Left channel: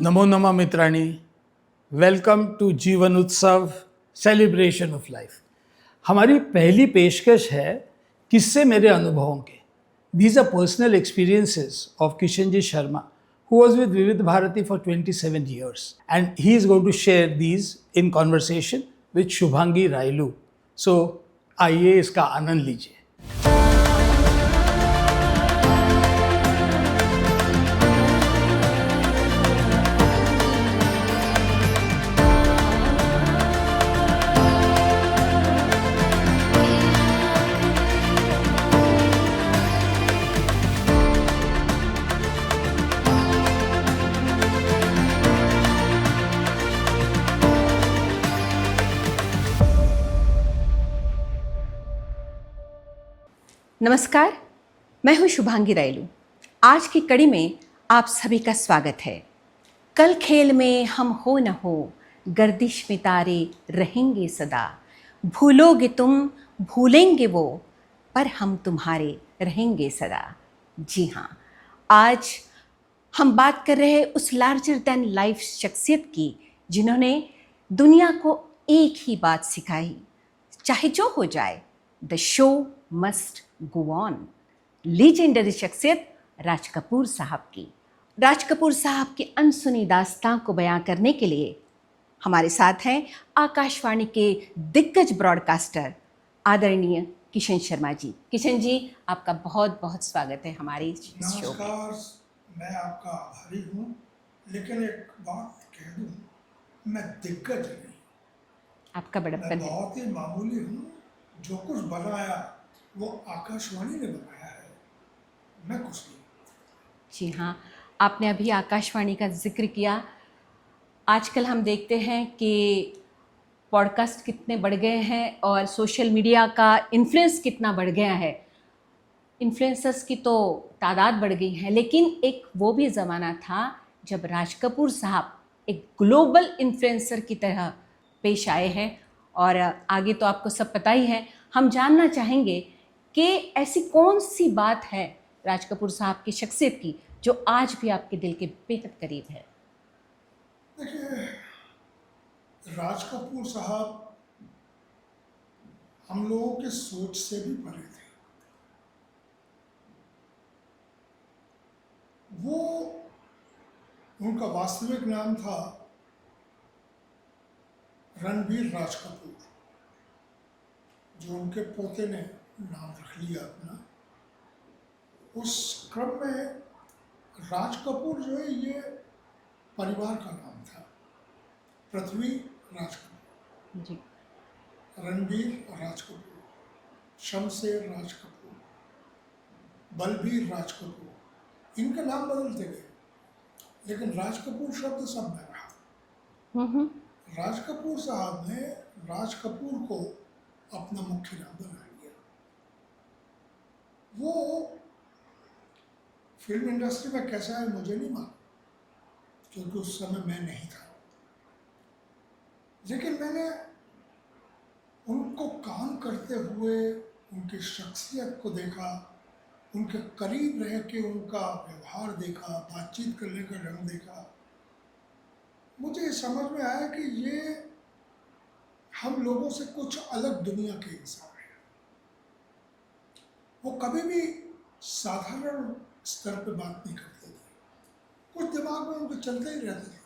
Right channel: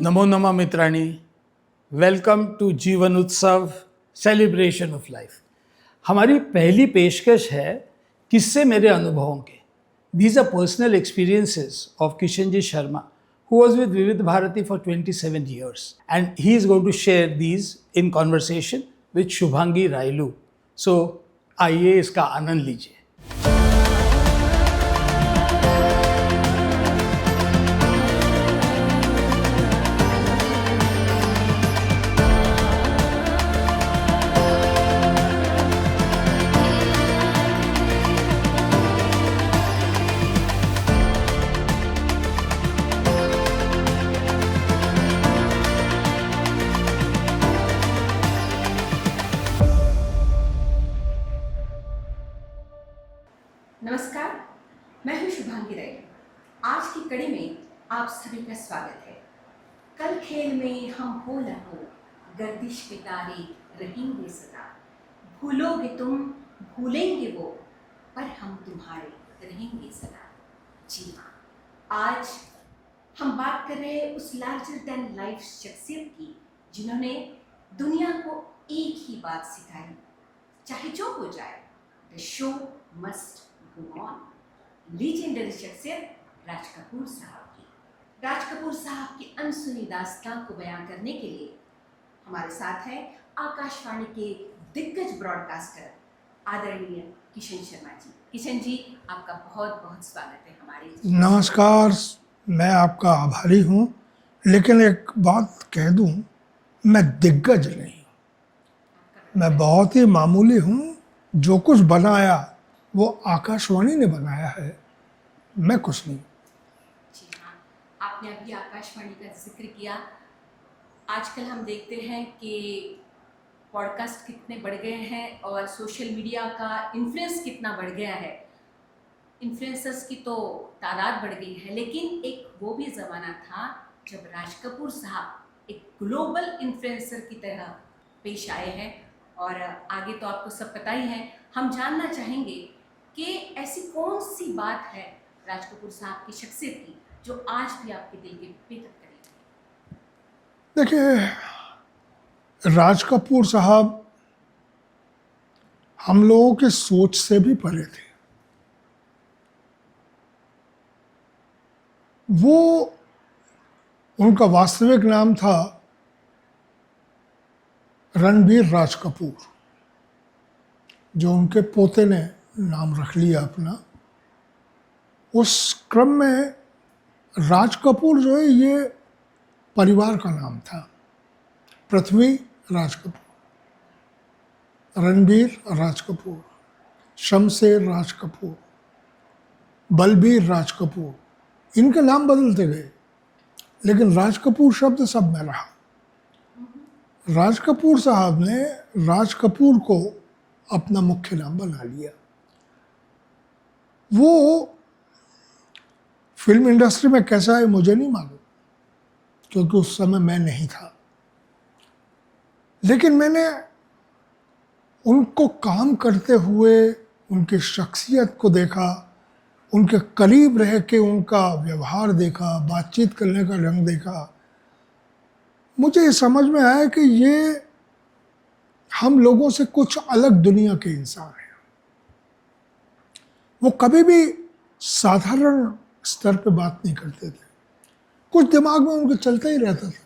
नमो नमः मित्राणी, welcome to जीवन उत्सव सेलिब्रेशन ऑफ लाइफ। हमारी पहली पेशकश है किस्से मेरे अनुभवों के। These are personal experiences of Kishan ji Sharma, who was with Vivid Bharati for 27 years, and he is going to share these in conversation with Shubhangi Railu. So आइए इसका आनंद लीजिए। नमस्कार, मैं हूं शुभांगी रायलू। आज की कड़ी में आप सभी का स्वागत है। कल खेल में हम हो न हो, गर्दिश में तारे रहेंगे सदा। भूलोगे तुम, भूलेंगे वो, पर हम तुम्हारे रहेंगे सदा। जी हाँ, आज हम बात कर रहे हैं उस लार्जर देन लाइफ शख्सियत की जिन्होंने दुनिया को एक ही बात सिखाई, चाहे जो हो जाए, the show must go on. Legendary शख्सियत राज कपूर साहब की। राज कपूर साहब की अनसुनी दास्तां को बयां करने के लिए हमारे साथ हैं आकाशवाणी के दिग्गज ब्रॉडकास्टर आदरणीय किशन शर्मा जी। किशन जी, आपका बहुत बहुत स्वागत है हमारी। नमस्कार, मैं आपका आभारी हूँ, लेकिन एक बात कह दूँ, मैं दिग्गज नहीं, आपका बड़ा मैं बहुत ही मामूली हूँ। जो कुछ बनाया वो आकाशवाणी ने बनाया है, मैं कुछ नहीं। जी हाँ, आपने अभी आकाशवाणी का जिक्र किया। आजकल हम देखते हैं कि पॉडकास्ट कितने बढ़ गए हैं और सोशल मीडिया का इन्फ्लुएंस कितना बढ़ गया है। इन्फ्लुएंसर्स की तो तादाद बढ़ गई है, लेकिन एक वो भी ज़माना था जब राज कपूर साहब एक ग्लोबल इन्फ्लुएंसर की तरह पेश आए हैं। और आगे तो आपको सब पता ही है। हम जानना चाहेंगे कि ऐसी कौन सी बात है राज कपूर साहब की शख्सियत की जो आज भी आपके दिल के बेहद करीब है। देखिए, राज कपूर साहब हम लोगों के सोच से भी परे थे। वो, उनका वास्तविक नाम था रणबीर राज कपूर, जो उनके पोते ने नाम रख लिया अपना। उस क्रम में राज कपूर जो है ये परिवार का नाम था। पृथ्वी राज कपूर जी। रणबीर राज कपूर, शमशेर राज कपूर, बलबीर राज कपूर, इनके नाम बदलते गए, लेकिन राज कपूर शब्द सब में रहा। राज कपूर साहब ने राज कपूर को अपना मुख्य नाम बना लिया। वो फिल्म इंडस्ट्री में कैसा है मुझे नहीं मालूम, क्योंकि उस समय मैं नहीं था, लेकिन मैंने उनको काम करते हुए उनकी शख्सियत को देखा, उनके करीब रह के उनका व्यवहार देखा, बातचीत करने का ढंग देखा। मुझे ये समझ में आया कि ये हम लोगों से कुछ अलग दुनिया के इंसान हैं। वो कभी भी साधारण स्तर पे बात नहीं करते थे, कुछ दिमाग में उनके चलता ही रहता था।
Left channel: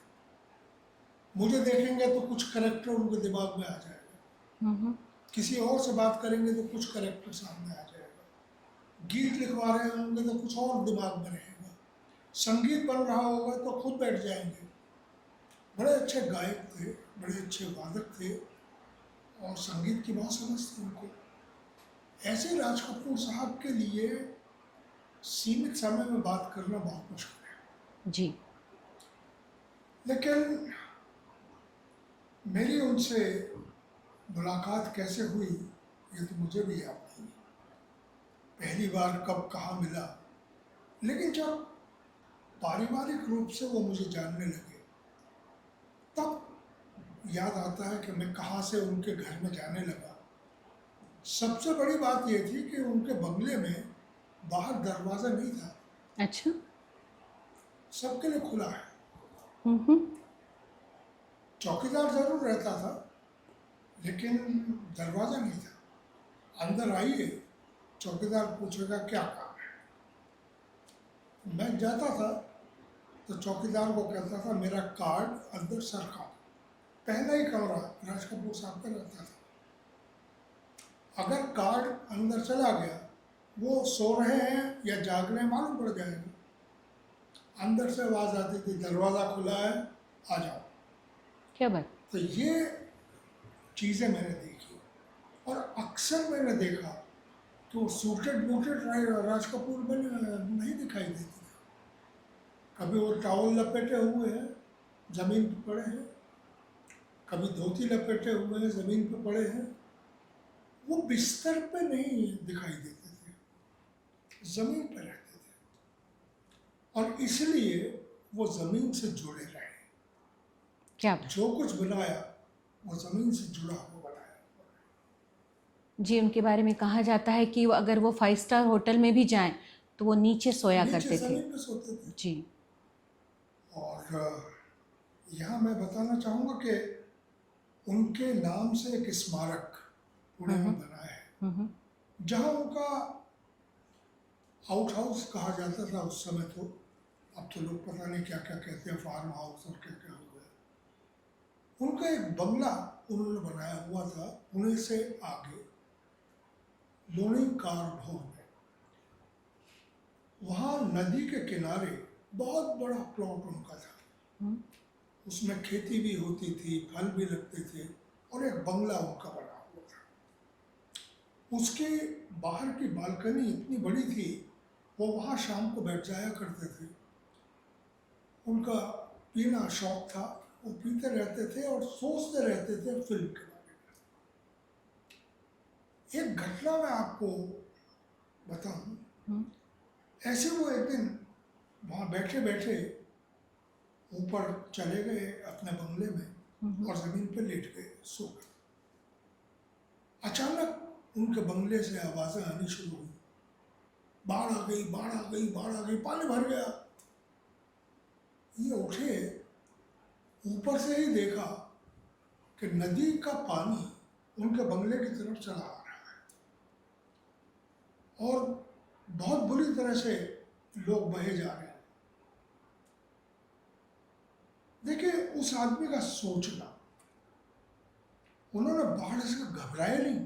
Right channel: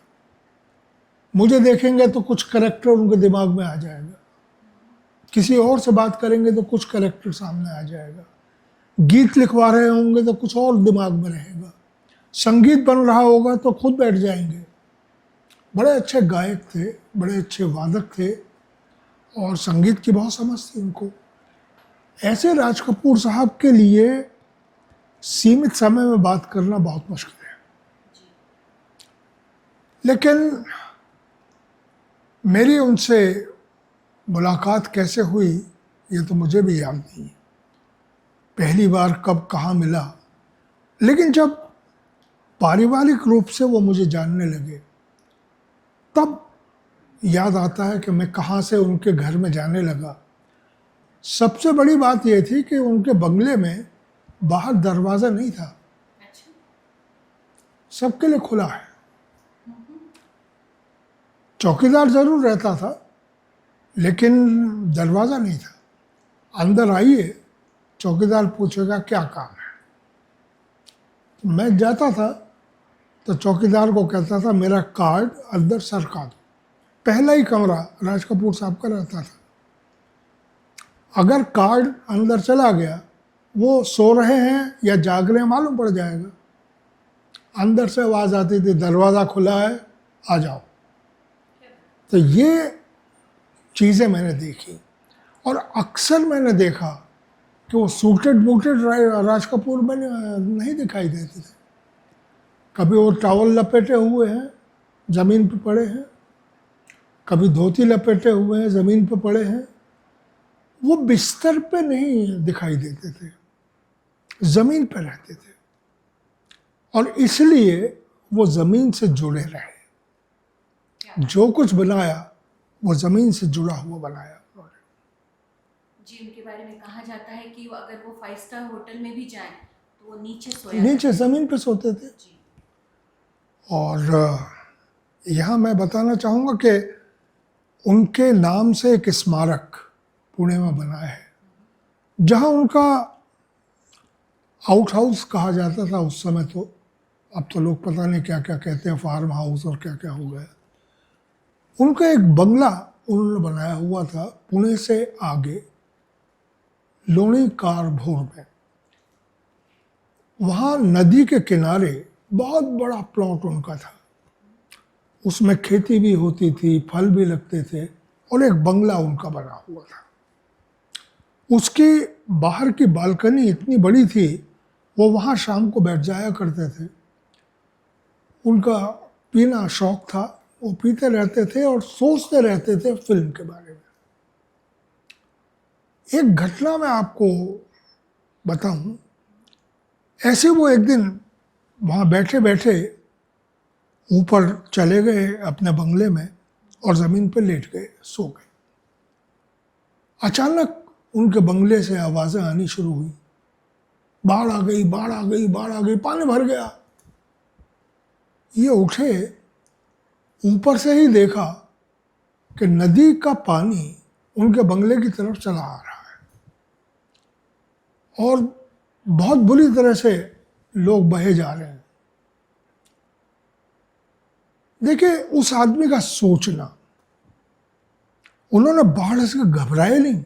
मुझे देखेंगे तो कुछ करैक्टर उनके दिमाग में आ जाएगा, किसी और से बात करेंगे तो कुछ करैक्टर सामने आ जाएगा, गीत लिखवा रहे होंगे तो कुछ और दिमाग में रहेगा, संगीत बन रहा होगा तो खुद बैठ जाएंगे। बड़े अच्छे गायक थे, बड़े अच्छे वादक थे और संगीत की बहुत समझ थी उनको। ऐसे राज कपूर साहब के लिए सीमित समय में बात करना बहुत मुश्किल है जी। लेकिन मेरी उनसे मुलाकात कैसे हुई ये तो मुझे भी याद नहीं है, पहली बार कब कहाँ मिला। लेकिन जब पारिवारिक रूप से वो मुझे जानने लगे तब याद आता है कि मैं कहाँ से उनके घर में जाने लगा। सबसे बड़ी बात यह थी कि उनके बंगले में बाहर दरवाज़ा नहीं था। अच्छा। सबके लिए खुला है। चौकीदार जरूर रहता था, लेकिन दरवाज़ा नहीं था। अंदर आइए, चौकीदार पूछेगा क्या काम है। मैं जाता था तो चौकीदार को कहता था मेरा कार्ड अंदर सरका दो। पहला ही कमरा राज कपूर साहब का रहता था। अगर कार्ड अंदर चला गया, वो सो रहे हैं या जाग रहे हैं मालूम पड़ जाएगा। अंदर से आवाज़ आती थी दरवाज़ा खुला है, आ जाओ। क्या बात। तो ये चीज़ें मैंने देखी, और अक्सर मैंने देखा कि वो सूटेड बूटेड राज कपूर में नहीं दिखाई देते थे। कभी वो टॉवल लपेटे हुए हैं, ज़मीन पे पड़े हैं, कभी धोती लपेटे हुए हैं, ज़मीन पे पड़े हैं। वो बिस्तर पे नहीं दिखाई देते थे, ज़मीन पे रहते थे, और इसलिए वो ज़मीन से जुड़े रहे। क्या जो कुछ बनाया वो ज़मीन से जुड़ा हुआ बनाया उन्होंने। जी, उनके बारे में कहा जाता है कि वो अगर वो 5 स्टार होटल में भी जाएं तो वो नीचे सोया नीचे करते थे। ज़मीन पे सोते थे। जी। और यहाँ मैं बताना चाहूँगा कि उनके नाम से एक स्मारक पुणे में बना है, जहाँ उनका आउट हाउस कहा जाता था उस समय। तो अब तो लोग पता नहीं क्या क्या कहते हैं, फार्म हाउस और क्या क्या हो गया। उनका एक बंगला उन्होंने बनाया हुआ था पुणे से आगे लोणी कारभोर में। वहाँ नदी के किनारे बहुत बड़ा प्लॉट उनका था। उसमें खेती भी होती थी, फल भी लगते थे, और एक बंगला उनका बना हुआ था। उसकी बाहर की बालकनी इतनी बड़ी थी, वो वहाँ शाम को बैठ जाया करते थे। उनका पीना शौक था, वो पीते रहते थे और सोचते रहते थे फिल्म के बारे में। एक घटना मैं आपको बताऊं। ऐसे वो एक दिन वहाँ बैठे बैठे ऊपर चले गए अपने बंगले में और ज़मीन पे लेट गए, सो गए। अचानक उनके बंगले से आवाज़ें आनी शुरू हुई, बाढ़ आ गई, बाढ़ आ गई, बाढ़ आ गई, पानी भर गया। ये उठे, ऊपर से ही देखा कि नदी का पानी उनके बंगले की तरफ चला आ रहा है, और बहुत बुरी तरह से लोग बहे जा रहे हैं। देखिए उस आदमी का सोचना, उन्होंने बाढ़ से घबराए नहीं,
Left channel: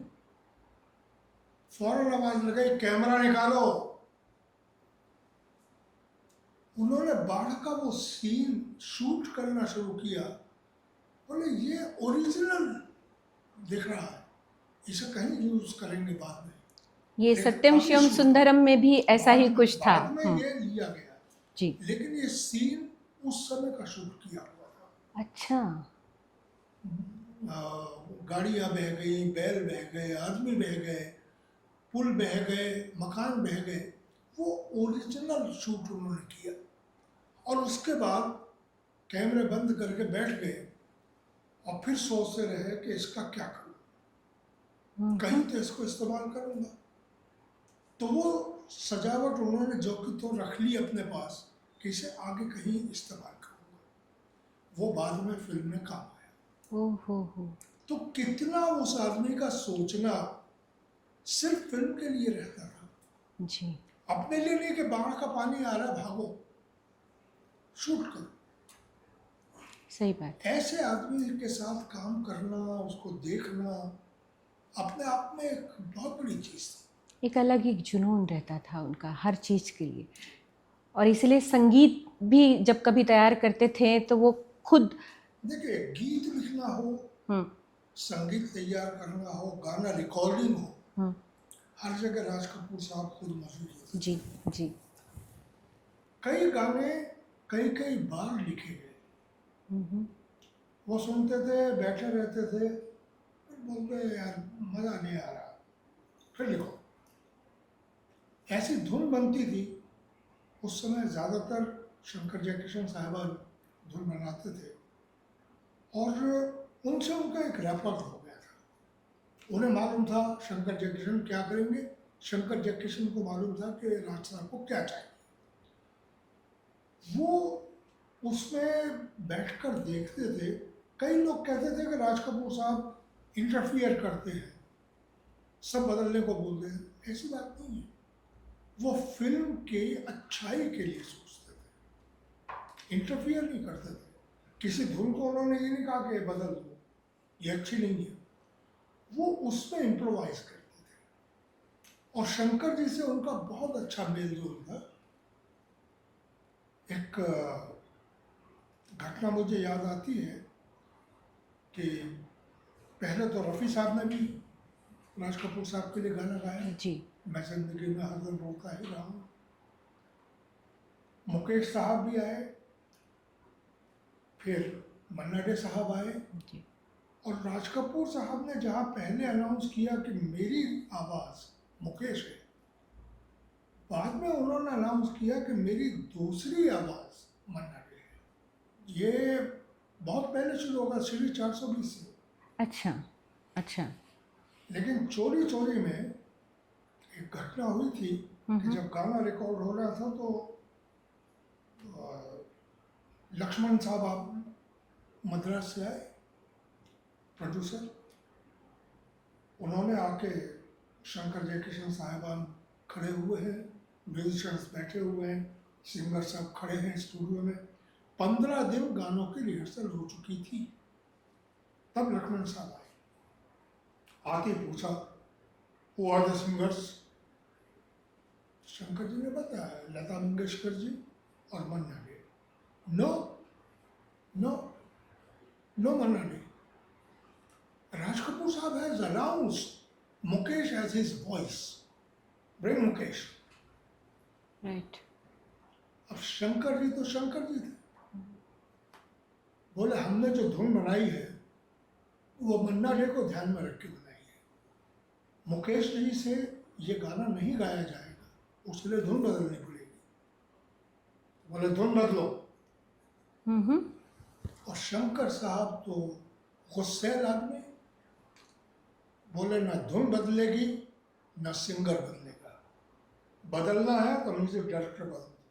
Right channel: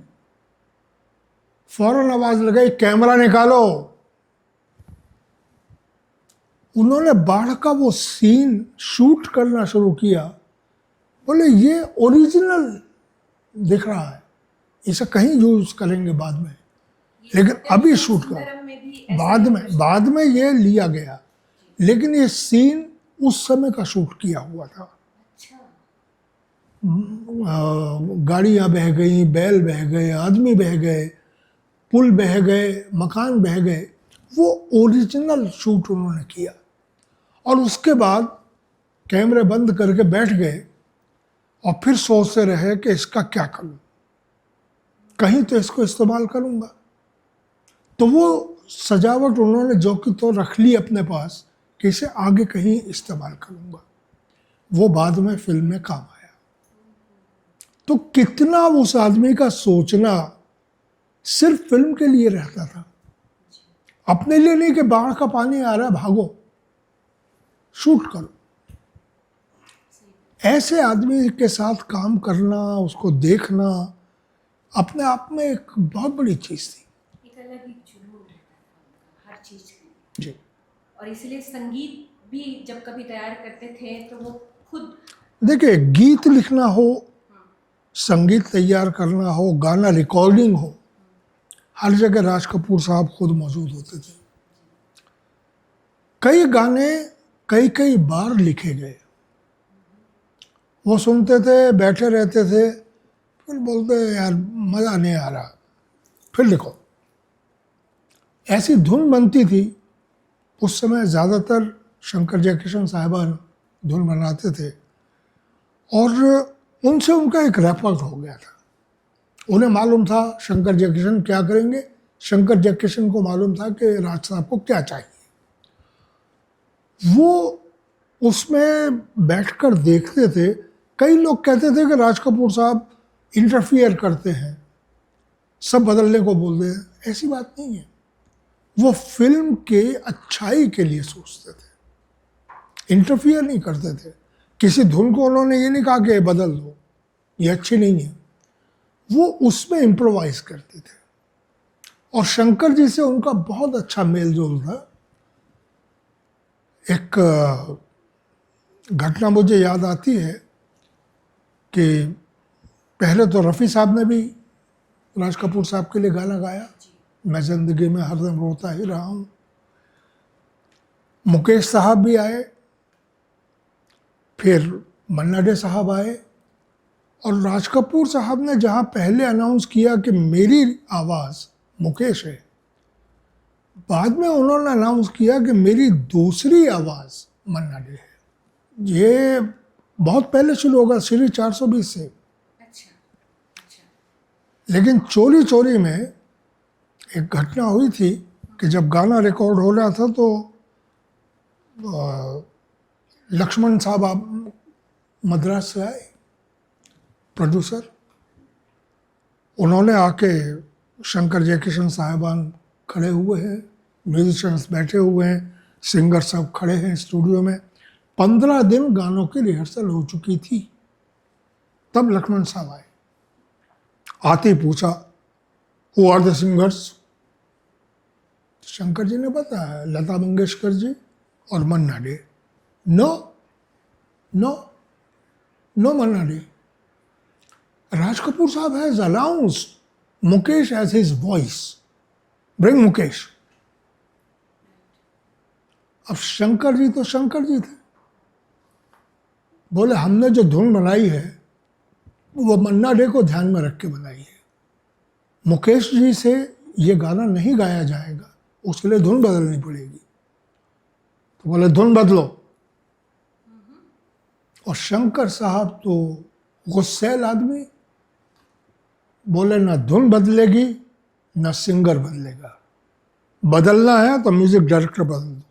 फौरन आवाज लगाई कैमरा निकालो। उन्होंने बाढ़ का वो सीन शूट करना शुरू किया। बोले ये ओरिजिनल दिख रहा है, इसे कहीं यूज करेंगे बाद में, ये लेकिन सत्यम अभी शिवम शूट सुंदरम में भी ऐसा बाद ही में कुछ था। बाद में ये लिया गया, जी। लेकिन ये सीन उस समय का शूट किया हुआ था। अच्छा। गाड़ियाँ बह गई, बैल बह गए, आदमी बह गए, पुल बह गए, मकान बह गए। वो ओरिजिनल शूट उन्होंने किया, और उसके बाद कैमरे बंद करके बैठ गए और फिर सोचते रहे कि इसका क्या करूं, कहीं तो इसको इस्तेमाल करूंगा। तो वो सजावट उन्होंने जो कि तो रख ली अपने पास कि इसे आगे कहीं इस्तेमाल करूंगा। वो बाद में फिल्म में काम आया। हो। तो कितना उस आदमी का सोचना सिर्फ फिल्म के लिए रहता था, जी। अपने लिए नहीं कि बाढ़ का पानी आ रहा है भागो, शूट करो। सही बात। ऐसे आदमी के साथ काम करना, उसको देखना अपने आप में एक बहुत बड़ी चीज़ थी। एक अलग ही जुनून रहता था उनका हर चीज़ के लिए। जी। और इसलिए संगीत भी जब कभी तैयार करते थे तो वो खुद। देखिए गीत लिखना हो, हम्म, संगीत तैयार करना हो, गाना रिकॉर्डिंग हो, हर जगह राज कपूर साहब खुद मौजूद होते थे। जी जी। कई गाने कई कई बार लिखे गए। वो सुनते थे, बैठे रहते थे, फिर बोलते यार मज़ा नहीं आ रहा, फिर लिखो। ऐसी धुन बनती थी। उस समय ज़्यादातर शंकर जयकिशन साहिबान धुन बनाते थे, और उनसे उनका एक रेपॉर्ट हो गया था। उन्हें मालूम था शंकर जयकिशन क्या करेंगे, शंकर जयकिशन को मालूम था कि राज साहब को क्या चाहिए। वो उसमें बैठकर देखते थे। कई लोग कहते थे कि राज कपूर साहब इंटरफियर करते हैं, सब बदलने को बोलते हैं। ऐसी बात नहीं है, वो फिल्म के अच्छाई के लिए सोचते थे, इंटरफियर नहीं करते थे। किसी धुन को उन्होंने ये नहीं कहा कि ये बदल दो, ये अच्छी नहीं है, वो उसमें इम्प्रोवाइज करते थे। और शंकर जी से उनका बहुत अच्छा मेल जोल था। एक घटना मुझे याद आती है कि पहले तो रफ़ी साहब ने भी राज कपूर साहब के लिए गाना गाया, जी। मैं ज़िंदगी में हरदम रोता ही रहा हूँ। मुकेश साहब भी आए, फिर मन्ना डे साहब आए, और राज कपूर साहब ने जहाँ पहले अनाउंस किया कि मेरी आवाज़ मुकेश है, बाद में उन्होंने अनाउंस किया कि मेरी दूसरी आवाज़ मन्ना डे है। ये बहुत पहले शुरू होगा, सीरीज 420 से। अच्छा अच्छा। लेकिन चोरी चोरी में एक घटना हुई थी कि जब गाना रिकॉर्ड हो रहा था तो लक्ष्मण साहब आप मद्रास से आए, प्रोड्यूसर। उन्होंने आके, शंकर जयकिशन साहिबान खड़े हुए हैं, म्यूजिशियंस बैठे हुए हैं, सिंगर सब खड़े हैं स्टूडियो में। 15 दिन गानों की रिहर्सल हो चुकी थी, तब लक्ष्मण साहब आए। आते ही पूछा, who are the singers? Shankar ji ने बताया, लता मंगेशकर जी और Manna Dey. No no no Manna Dey, Raj Kapoor sahab has announced Mukesh as his voice, bring Mukesh. Right. अब शंकर जी तो शंकर जी थे, बोले हमने जो धुन बनाई है वो मन्ना डे को ध्यान में रख के बनाई है, मुकेश जी से ये गाना नहीं गाया जाएगा, उसके लिए धुन बदलनी पड़ेगी। तो बोले धुन बदलो। और शंकर साहब तो गुस्सैल आदमी, बोले ना धुन बदलेगी ना सिंगर बदलेगा, बदलना है तो म्यूजिक डायरेक्टर बदल दो।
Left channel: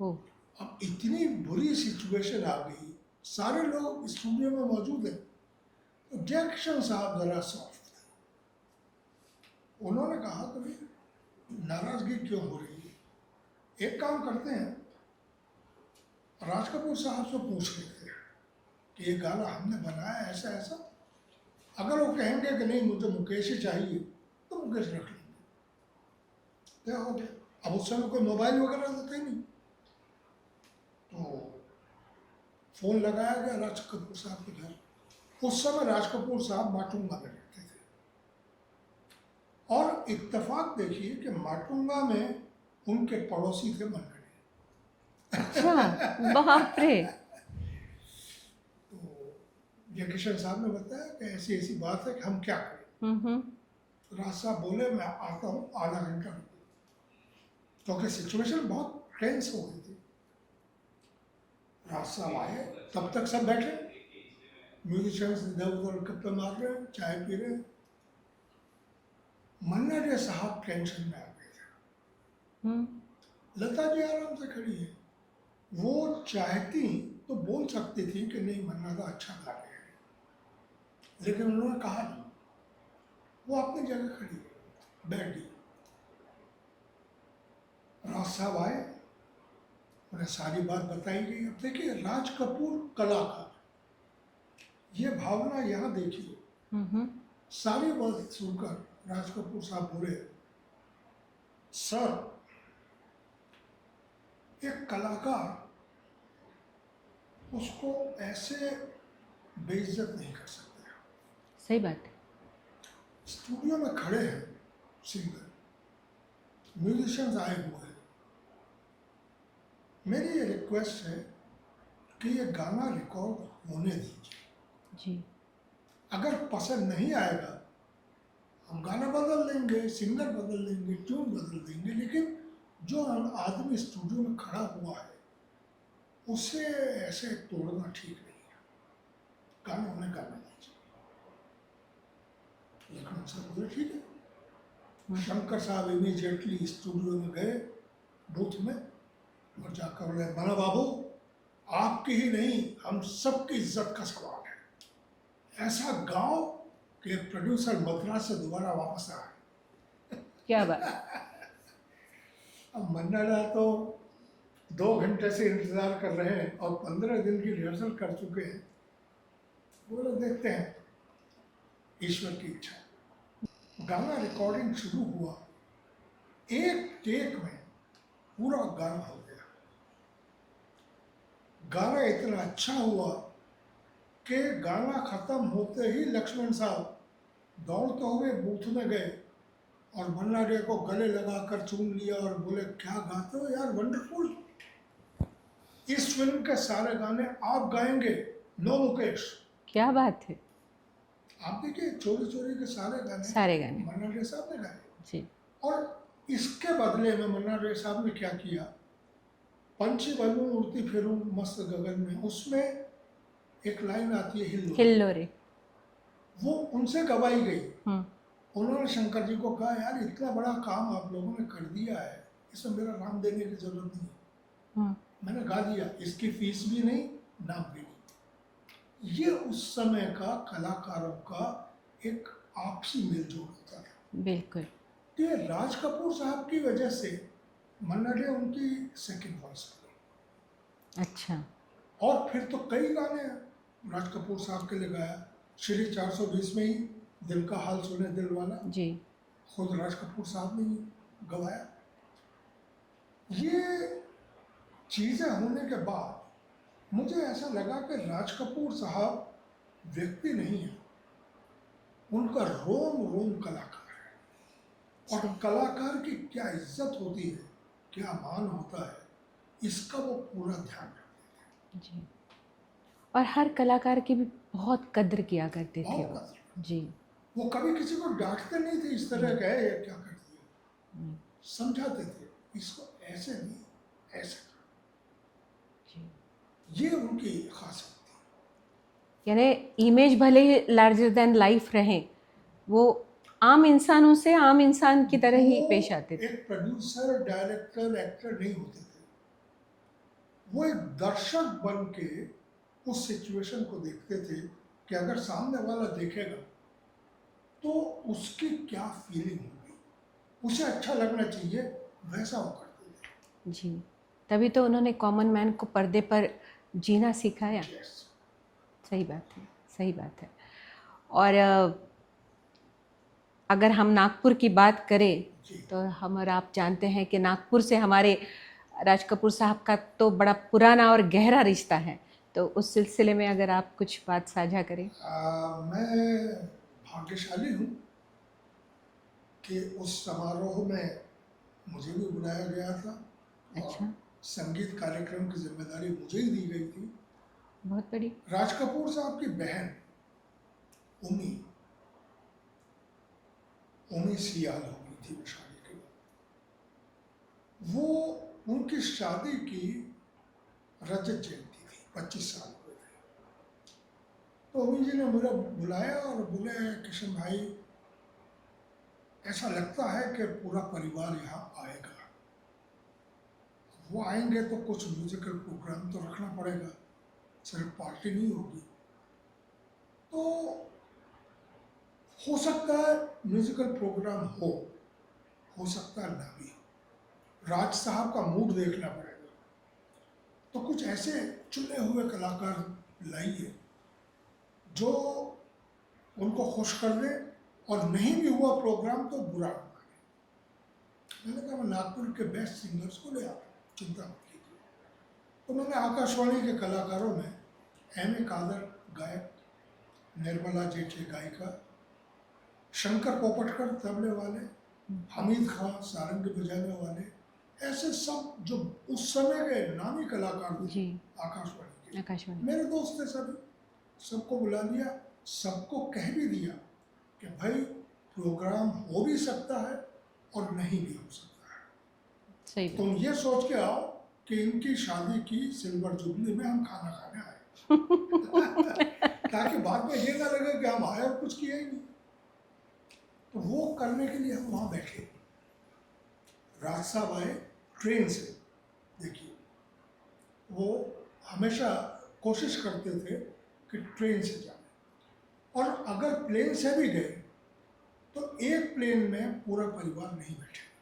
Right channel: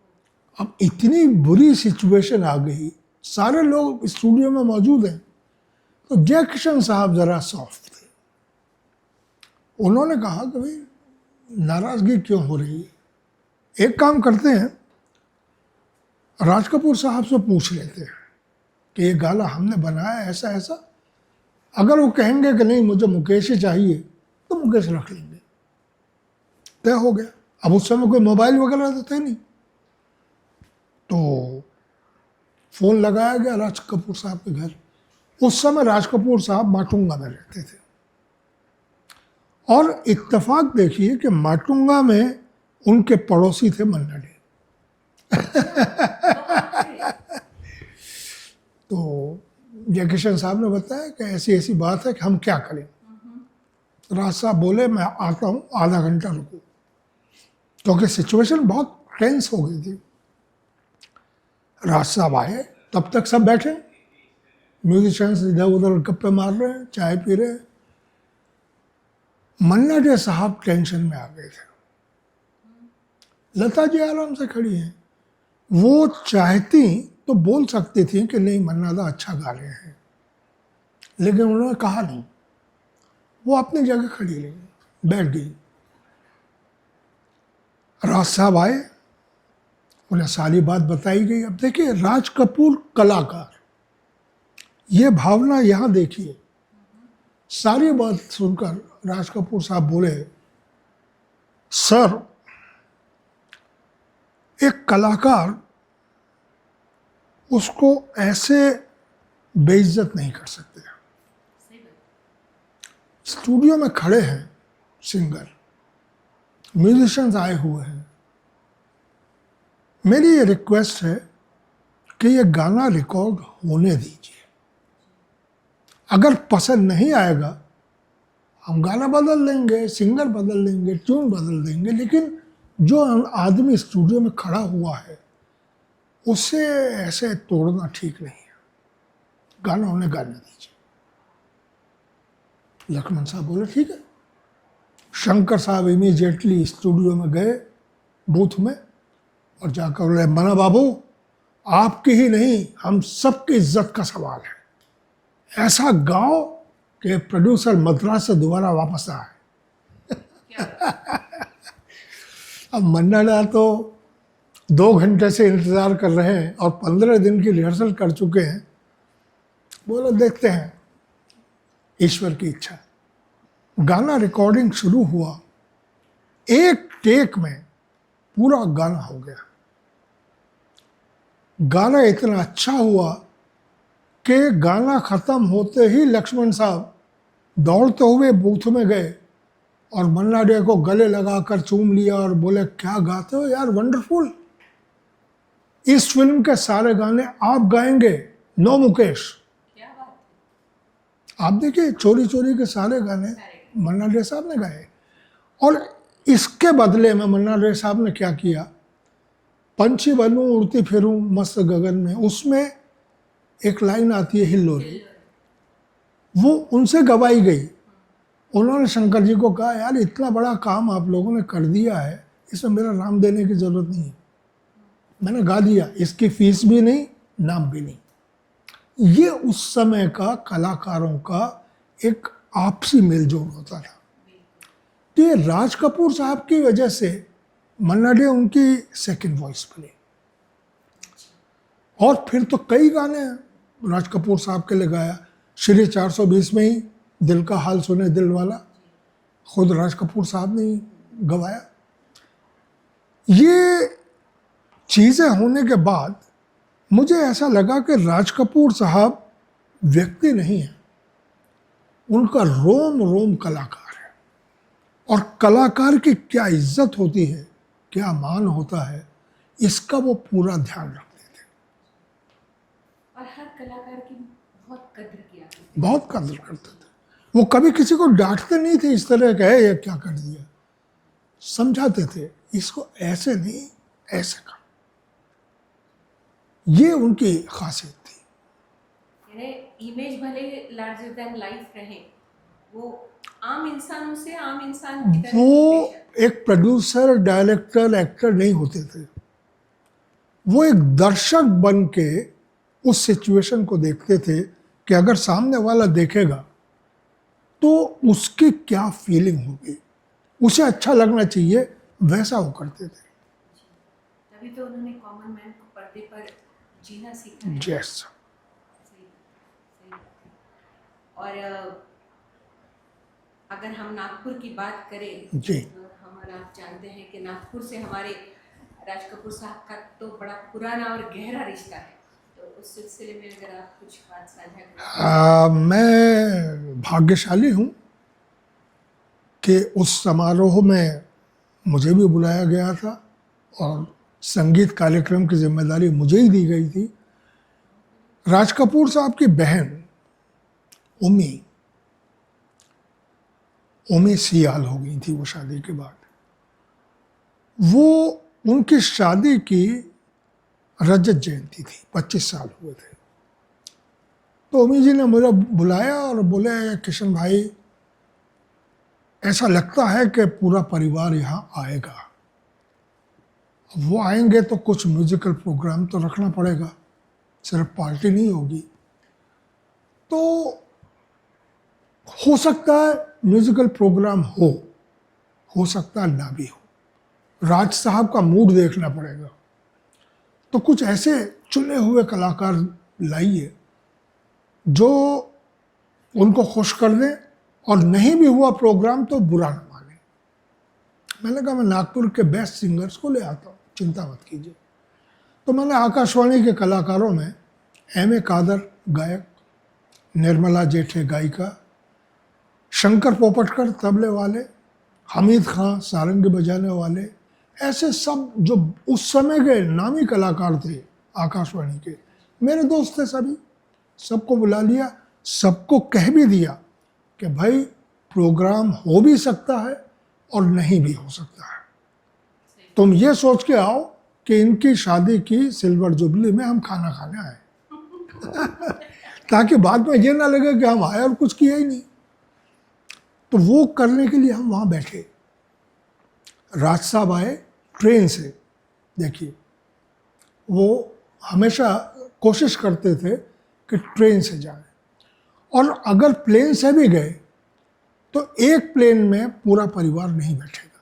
ओ, अब इतनी बुरी सिचुएशन आ गई, सारे लोग स्टूडियो में मौजूद हैं, तो जयकिशन साहब जरा सॉफ्ट थे। उन्होंने कहा कि भाई नाराजगी क्यों हो रही है, एक काम करते हैं, राज कपूर साहब से पूछ लेते हैं कि ये गाना हमने बनाया ऐसा ऐसा। अगर वो कहेंगे कि नहीं मुझे मुकेश ही चाहिए तो मुकेश रख लेंगे, तय हो गया। अब उस समय कोई मोबाइल वगैरह तो थे नहीं, तो फोन लगाया गया राज कपूर साहब के घर। उस समय राज कपूर साहब माटुंगा में रहते थे, और इत्तेफाक देखिए कि माटुंगा में उनके पड़ोसी थे मन्ना डे। बहुत से। तो जयकिशन साहब ने बताया कि ऐसी ऐसी बात है कि हम क्या करें। राज साहब बोले मैं आता हूँ, आधा घंटा रुको, क्योंकि सिचुएशन बहुत टेंस हो गई थी। राज साहब आए, तब तक सब बैठे, म्यूजिशियंस इधर उधर गप्पे मार रहे हैं, चाय पी रहे हैं। मन्ना डे साहब टेंशन में आ गए थे। लता जी आराम से खड़ी हैं, वो चाहती तो बोल सकती थी कि नहीं मन्ना दा अच्छा गा रहे हैं, लेकिन उन्होंने कहा नहीं, वो अपनी जगह खड़ी रही, बैठ गई। राज साहब आए, उन्हें सारी बात बताई गई। अब देखिए राज कपूर कलाकार, ये भावना यहाँ देखिए। सारी बात सुनकर राज कपूर साहब बोले, सर एक कलाकार उसको ऐसे बेइज्जत नहीं कर सकते। सही बात है। स्टूडियो में खड़े हैं सिंगर, म्यूजिशियंस आए हुए हैं, मेरी ये रिक्वेस्ट है कि ये गाना रिकॉर्ड होने दीजिए। जी। अगर पसंद नहीं आएगा हम गाना बदल लेंगे, सिंगर बदल लेंगे, ट्यून बदल देंगे, लेकिन जो आदमी स्टूडियो में खड़ा हुआ है उसे ऐसे तोड़ना ठीक नहीं है, गाना उन्हें गाने दीजिए। लक्ष्मण साहब बोले ठीक है। शंकर साहब इमीडिएटली स्टूडियो में गए, बूथ में और जाकर बोले, मना बाबू, आपकी ही नहीं, हम सबकी इज्जत का सवाल है। ऐसा गाओ कि प्रोड्यूसर मद्रास से दोबारा वापस आए। क्या बात। अब मन्ना डा तो 2 घंटे से इंतज़ार कर रहे हैं और 15 दिन की रिहर्सल कर चुके हैं। बोलो देखते हैं, ईश्वर की इच्छा। गाना रिकॉर्डिंग शुरू हुआ, एक टेक में पूरा गाना हो गया। गाना इतना अच्छा हुआ कि गाना ख़त्म होते ही लक्ष्मण साहब दौड़ते हुए बूथ में गए और मन्ना डे को गले लगाकर चूम लिया और बोले, क्या गाते हो यार, वंडरफुल। इस फिल्म के सारे गाने आप गाएंगे, नो मुकेश। क्या बात है। आप देखिए, चोरी चोरी के सारे गाने मन्ना डे साहब ने गाए। जी। और इसके बदले में मन्ना डे साहब ने क्या किया, पंछी बनूं उड़ती फिरूं मस्त गगन में, उसमें एक लाइन आती है हिल्लोरे, वो उनसे गवाई गई। उन्होंने शंकर जी को कहा, यार इतना बड़ा काम आप लोगों ने कर दिया है, इसमें मेरा नाम देने की जरूरत नहीं है, मैंने गा दिया, इसकी फीस भी नहीं, नाम भी नहीं। ये उस समय का कलाकारों का एक आपसी मेलजोल होता था। बिल्कुल। तो ये राज कपूर साहब की वजह से मन्ना डे उनकी सेकंड वॉइस बनी। अच्छा। और फिर तो कई गाने राज कपूर साहब के लिए गाया। श्री 420 में ही दिल का हाल सुने दिल वाला जी, खुद राज कपूर साहब ने ही गवाया। ये चीज़ें होने के बाद मुझे ऐसा लगा कि राज कपूर साहब व्यक्ति नहीं है, उनका रोम रोम कलाकार है। और कलाकार की क्या इज्जत होती है, क्या मान होता है, इसका वो पूरा ध्यान रखते थे। जी। और हर कलाकार की भी बहुत कद्र किया करते बहुत कद्र करते जी। थे। वो कभी किसी को डांटते नहीं थे इस तरह का, है ये क्या कर दिया, समझाते थे, इसको ऐसे नहीं ऐसे कर। ये उनकी खासियत थी। यानी इमेज भले लार्जर देन लाइफ रहे, वो आम इंसानों से आम इंसान की तरह ही पेश आते थे। एक प्रोड्यूसर, डायरेक्टर, एक्टर नहीं होते थे, वो एक दर्शक बन के उस सिचुएशन को देखते थे कि अगर सामने वाला देखेगा तो उसकी क्या फीलिंग होगी, उसे अच्छा लगना चाहिए, वैसा वो करते थे। जी, तभी तो उन्होंने कॉमन मैन को पर्दे पर जीना सिखाया। यस, सही बात है, सही बात है। और अगर हम नागपुर की बात करें जी, तो हम और आप जानते हैं कि नागपुर से हमारे राज कपूर साहब का तो बड़ा पुराना और गहरा रिश्ता है, तो उस सिलसिले में अगर आप कुछ बात साझा करें। मैं भाग्यशाली हूँ कि उस समारोह में मुझे भी बुलाया गया था और संगीत कार्यक्रम की जिम्मेदारी मुझे ही दी गई थी। बहुत बड़ी। राज कपूर साहब की बहन उमी सियाल हो गई थी वो शादी के बाद। वो उनकी शादी की रजत जयंती थी, 25 साल हुए थे। तो उमी जी ने मुझे बुलाया और बोले, किशन भाई ऐसा लगता है कि पूरा परिवार यहाँ आएगा, वो आएंगे तो कुछ म्यूजिकल प्रोग्राम तो रखना पड़ेगा, सिर्फ पार्टी नहीं होगी। तो हो सकता है म्यूजिकल प्रोग्राम हो सकता है ना भी हो, राज साहब का मूड देखना पड़ेगा। तो कुछ ऐसे चुने हुए कलाकार लाइए जो उनको खुश कर दें, और नहीं भी हुआ प्रोग्राम तो बुरा ना माने। मैंने कहा मैं नागपुर के बेस्ट सिंगर्स को ले आता हूँ, चिंता मत कीजिए। तो मैंने आकाशवाणी के कलाकारों में M.A. कादर गायक, निर्मला जेठे गायिका, शंकर पोपटकर तबले वाले, हमीद खां सारंगी बजाने वाले, ऐसे सब जो उस समय के नामी कलाकार थे आकाशवाणी के, मेरे दोस्त थे सभी, सबको बुला लिया, सबको कह भी दिया कि भाई प्रोग्राम हो भी सकता है और नहीं भी हो सकता है। सही। तुम ये सोच के आओ कि इनकी शादी की सिल्वर जुबली में हम खाना खाने आए ताकि बाद में ये ना लगे कि हम आए और कुछ किया ही नहीं। तो वो करने के लिए हम वहाँ बैठे। राज साहब आए ट्रेन से, देखिए वो हमेशा कोशिश करते थे कि ट्रेन से जाए, और अगर प्लेन से भी गए तो एक प्लेन में पूरा परिवार नहीं बैठेगा,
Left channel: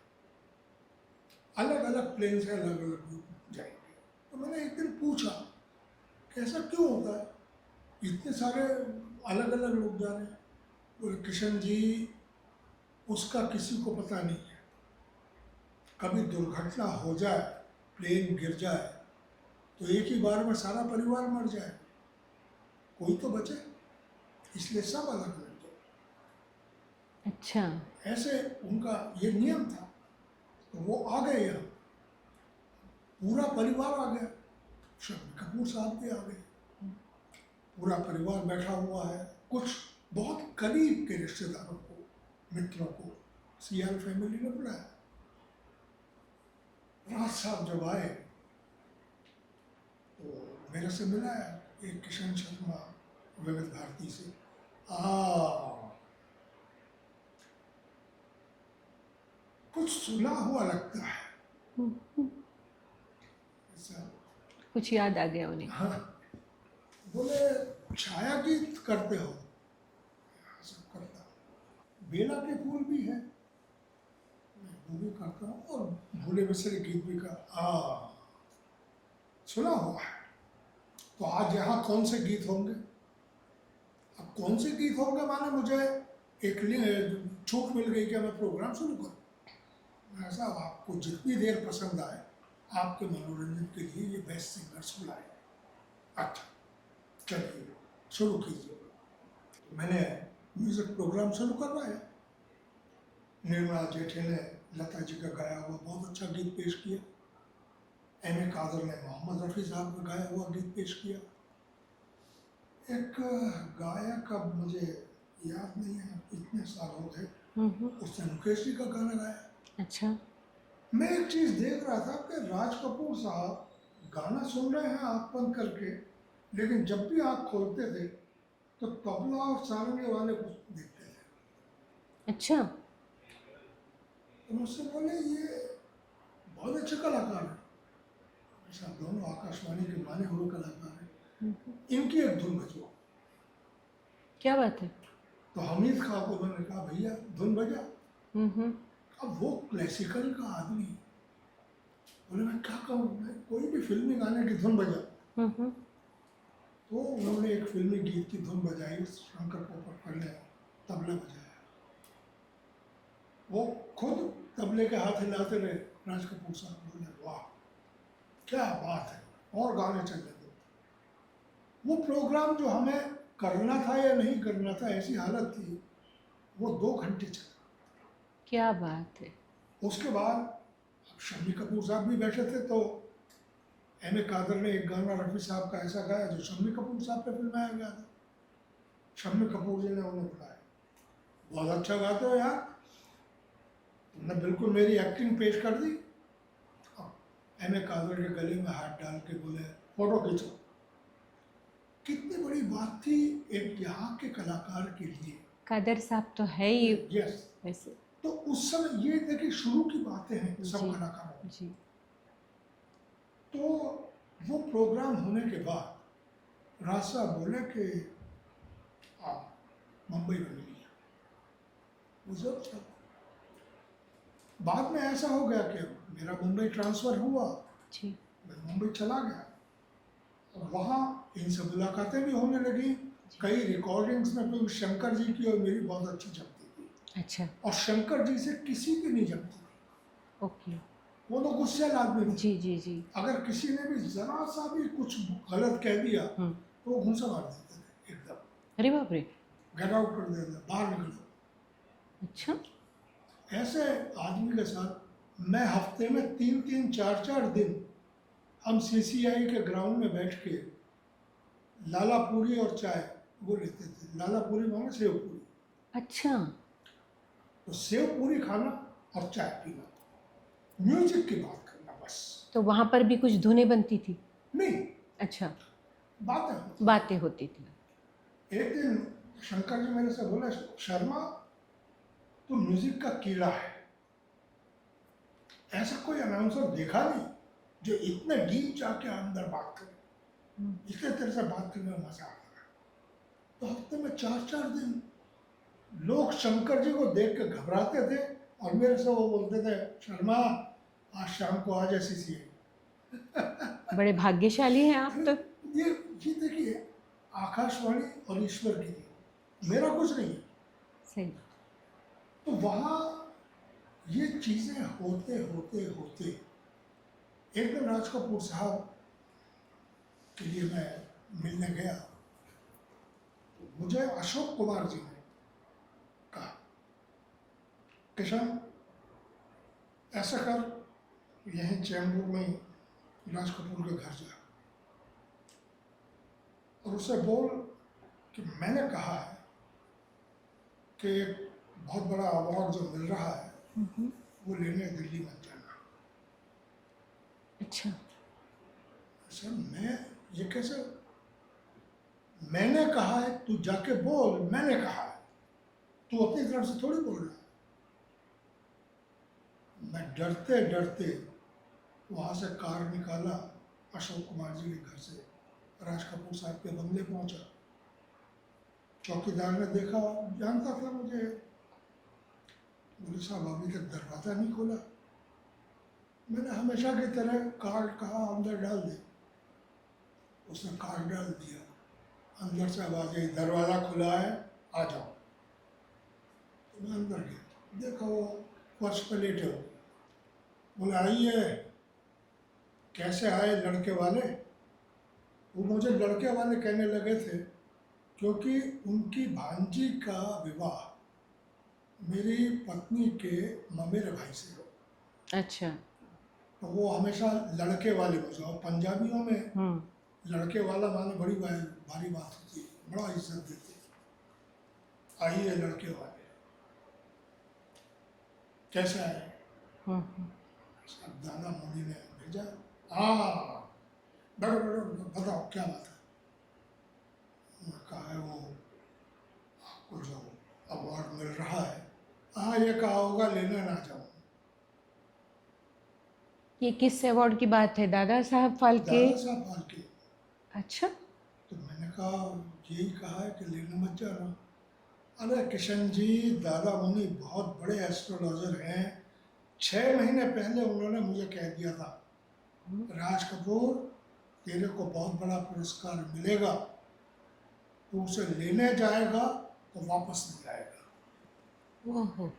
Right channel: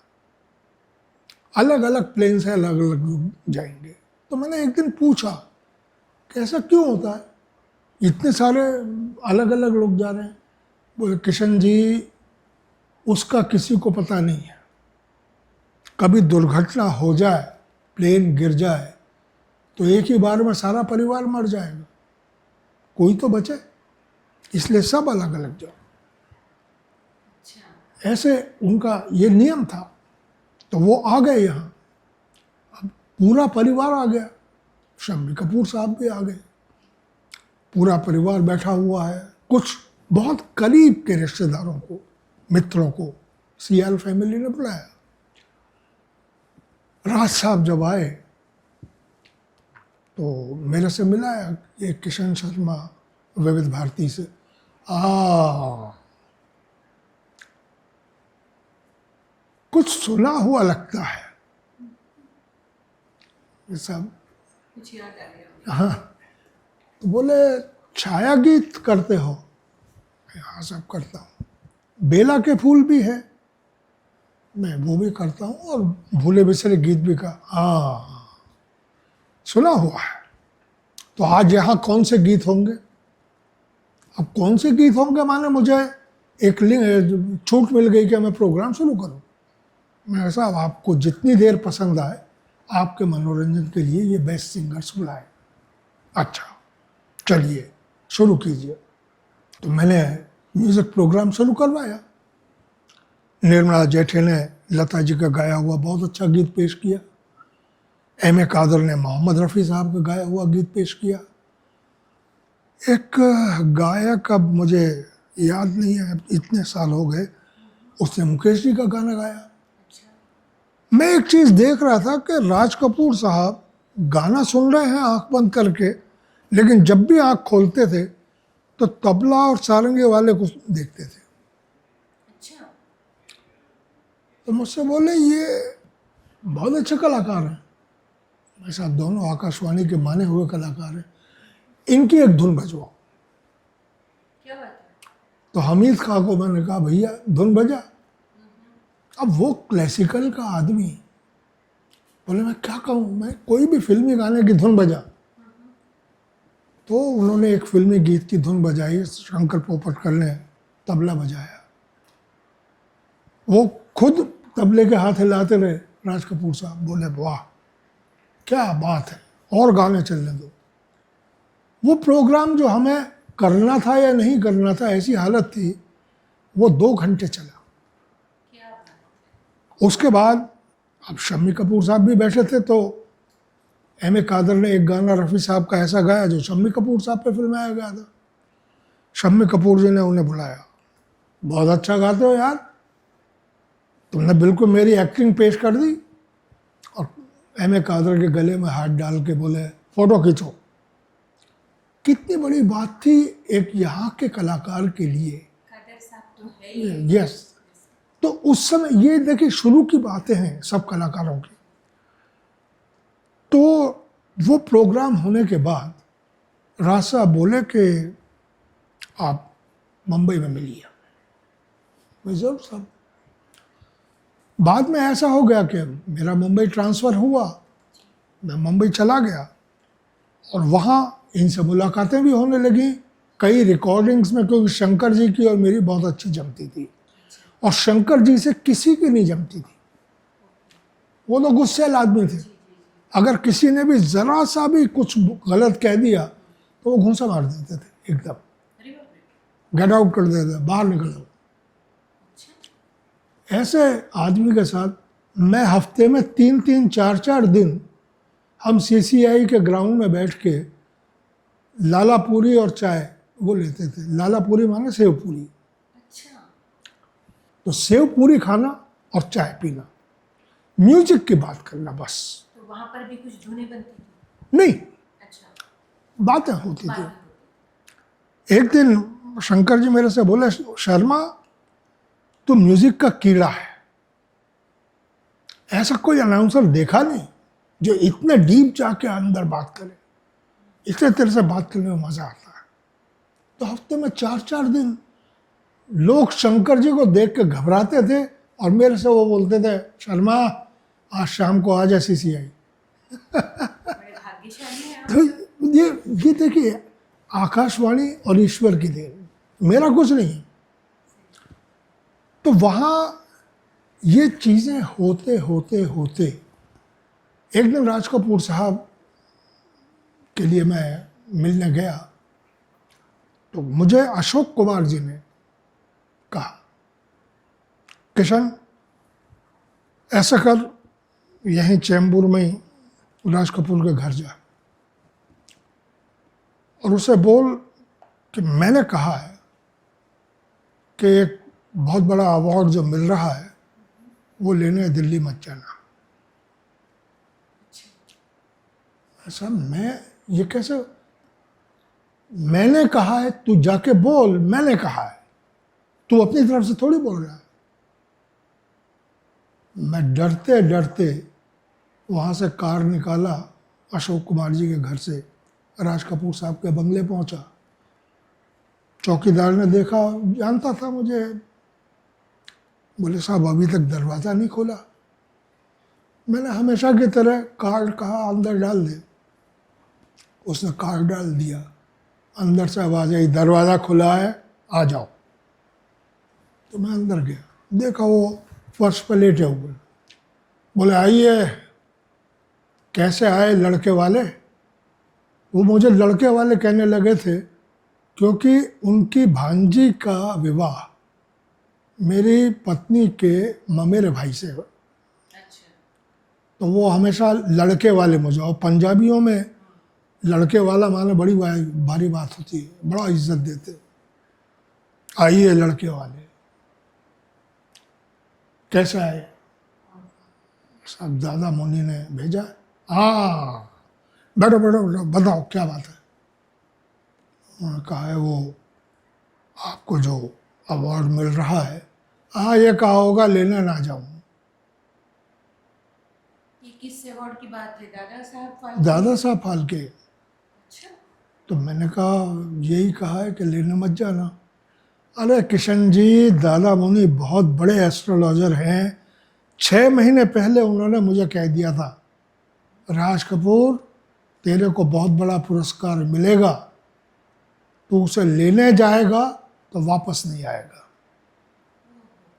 अलग अलग प्लेन से अलग अलग लोग जाएंगे। तो मैंने एक दिन पूछा कि ऐसा क्यों होता है, इतने सारे अलग अलग लोग जा रहे हैं? बोले किशन जी, उसका किसी को पता नहीं है, कभी दुर्घटना हो जाए, प्लेन गिर जाए तो एक ही बार में सारा परिवार मर जाएगा, कोई तो बचे, इसलिए सब अलग अलग जाओ। अच्छा। ऐसे उनका ये नियम था। तो वो आ गए यहाँ, अब पूरा परिवार आ गया, शम्मी कपूर साहब भी आ गए, पूरा परिवार बैठा हुआ है। कुछ बहुत करीब के रिश्तेदारों को, मित्रों को सीएल फैमिली ने बुलाया। राज साहब जब आए तो मेरे से मिलाया, ये किशन शर्मा विविध भारती से। कुछ सुना हुआ लगता है, ये सब कुछ याद आ गया उन्हें। हाँ। तो बोले छाया गीत करते हो? हाँ सब करता हूँ। बेला के फूल भी है, मैं वो भी करता हूँ, और भूले बिसरे गीत भी का सुना हुआ है। तो आज यहाँ कौन से गीत होंगे? अब कौन से गीत होंगे माने मुझे एक छूट मिल गई कि मैं प्रोग्राम शुरू करूँ। मैं साहब आपको जितनी देर पसंद आए, आपके मनोरंजन के लिए ये बेस्ट सिंगर्स बुलाए। अच्छा चलिए शुरू कीजिए। तो मैंने म्यूज़िक प्रोग्राम शुरू करवाया। निर्मला जेठे ने लता जी का गाया हुआ बहुत अच्छा गीत पेश किया, एम ए कादर ने मोहम्मद रफ़ी साहब का गाया हुआ गीत पेश किया। एक गायक, अब मुझे याद नहीं है, इतने साल हो गए, उसने मुकेश जी का गाना गाया। अच्छा। मैं एक चीज़ देख रहा था कि राज कपूर साहब गाना सुन रहे हैं आंख बंद करके, लेकिन जब भी आंख खोलते थे तो तबला और सारंगी वाले को देखते थे। अच्छा। तो मुझसे बोले ये बहुत अच्छे कलाकार हैं। मेरे साथ दोनों आकाशवाणी के माने हुए कलाकार हैं, इनकी एक धुन बजवाओ। क्या बात है। तो हमीद खां को मैंने कहा भैया धुन बजा। अब वो क्लासिकल का आदमी बोले मैं क्या कहूँ, मैं कोई भी फिल्मी गाने की धुन बजा। तो उन्होंने एक फिल्मी गीत की धुन बजाई, शंकर पोपटकर ने तबला बजाया। वो खुद तबले के हाथ हिलाते रहे। राज कपूर साहब बोले वाह क्या बात है, और गाने चलने दो। वो प्रोग्राम जो हमें करना था या नहीं करना था, ऐसी हालत थी, वो 2 घंटे चला। क्या बात है। उसके बाद अब शम्मी कपूर साहब भी बैठे थे, तो एम ए कादर ने एक गाना रफ़ी साहब का ऐसा गाया जो शम्मी कपूर साहब पे फिल्माया गया था। शम्मी कपूर जी ने उन्हें बुलाया, बहुत अच्छा गाते हो यार, तुमने बिल्कुल मेरी एक्टिंग पेश कर दी। और एम ए कादर के गले में हाथ डाल के बोले फ़ोटो खींचो। कितनी बड़ी बात थी एक यहाँ के कलाकार के लिए। कादर साहब तो है ही यस। वैसे। तो उस समय ये देखिए शुरू की बातें हैं सब कलाकारों की। जी। तो वो प्रोग्राम होने के बाद राज साहब बोले कि आप मुंबई में मिलिए। मैं जरूर साहब। बाद में ऐसा हो गया कि मेरा मुंबई ट्रांसफ़र हुआ, जी। मैं मुंबई चला गया, और वहाँ इनसे मुलाकातें भी होने लगी कई रिकॉर्डिंग्स में, क्योंकि शंकर जी की और मेरी बहुत अच्छी जमती थी। अच्छा। और शंकर जी से किसी की नहीं जमती थी। ओके। वो तो गुस्सैल आदमी थे। जी जी जी। अगर किसी ने भी ज़रा सा भी कुछ गलत कह दिया तो वो घूंसा मार देते थे एकदम, अरे बाप रे। गेट आउट कर देते थे, बाहर निकल जाओ। अच्छा। ऐसे आदमी के साथ मैं हफ्ते में 3-3, 4-4 दिन हम सीसीआई के ग्राउंड में बैठ के लाला पूरी और चाय वो लेते थे। लाला पूरी माने सेव पूरी। अच्छा। तो सेव पूरी खाना और चाय पीना, म्यूजिक की बात करना बस। तो वहाँ पर भी कुछ धुनें बनती थी? नहीं, अच्छा। बातें होती थी। बातें होती थी। एक दिन शंकर जी मेरे से बोले शर्मा तू म्यूजिक का कीड़ा है, ऐसा कोई अनाउंसर देखा नहीं। जो इतने डीप जाके अंदर बात करे, इतने तरह से बात करने में मजा आता है। तो हफ्ते में 4-4 दिन लोग शंकर जी को देख के घबराते थे और मेरे से वो बोलते थे, शर्मा आज शाम को आ जा CCI। बड़े भाग्यशाली हैं आप तो तो। ये देखिए, आकाशवाणी और ईश्वर की देन, मेरा कुछ नहीं है। सही। तो वहाँ ये चीज़ें होते होते होते एक दिन राज कपूर साहब के लिए मैं मिलने गया, तो मुझे अशोक कुमार जी ने कहा, किशन ऐसा कर, यहीं चैम्बूर में ही राज कपूर के घर जा और उसे बोल कि मैंने कहा है कि एक बहुत बड़ा अवार्ड जो मिल रहा है वो लेने दिल्ली मत जाना। अच्छा। ऐसा मैं ये कैसे, मैंने कहा है, तू जाके बोल मैंने कहा है, तू अपनी तरफ से थोड़ी बोल रहा है। मैं डरते डरते वहाँ से कार निकाला, अशोक कुमार जी के घर से राज कपूर साहब के बंगले पहुँचा। चौकीदार ने देखा, जानता था मुझे, बोले साहब अभी तक दरवाज़ा नहीं खोला। मैंने हमेशा की तरह कार्ड कहा अंदर डाल दे, उसने कार्ड डाल दिया। अंदर से आवाज़ आई, दरवाज़ा खुला है आ जाओ। तो मैं अंदर गया, देखा वो फर्श पर लेटे हुए। बोले आइए, कैसे आए लड़के वाले। वो मुझे लड़के वाले कहने लगे थे क्योंकि उनकी भांजी का विवाह मेरी पत्नी के ममेरे भाई से है। अच्छा। तो वो हमेशा लड़के वाले मुझे, और पंजाबियों में लड़के वाला माने बड़ी भारी बात होती है, बड़ा इज्जत देते। आइए लड़के वाले, कैसे आए। सब दादा मुनि ने भेजा। हाँ बैठो बैठो बैठो, बताओ क्या बात है। उन्होंने कहा है वो आपको जो अवार्ड मिल रहा है, हाँ ये कहा होगा लेने ना जाऊं। ये किस अवार्ड की बात है? दादा साहब फाल्के? दादा साहब फाल्के। अच्छा। तो मैंने कहा यही कहा है कि लेने मत जाना। अरे किशन जी, दादा मुनि बहुत बड़े एस्ट्रोलॉजर हैं। 6 महीने पहले उन्होंने मुझे कह दिया था, राज कपूर तेरे को बहुत बड़ा पुरस्कार मिलेगा, तू उसे लेने जाएगा तो वापस नहीं आएगा। ओहो।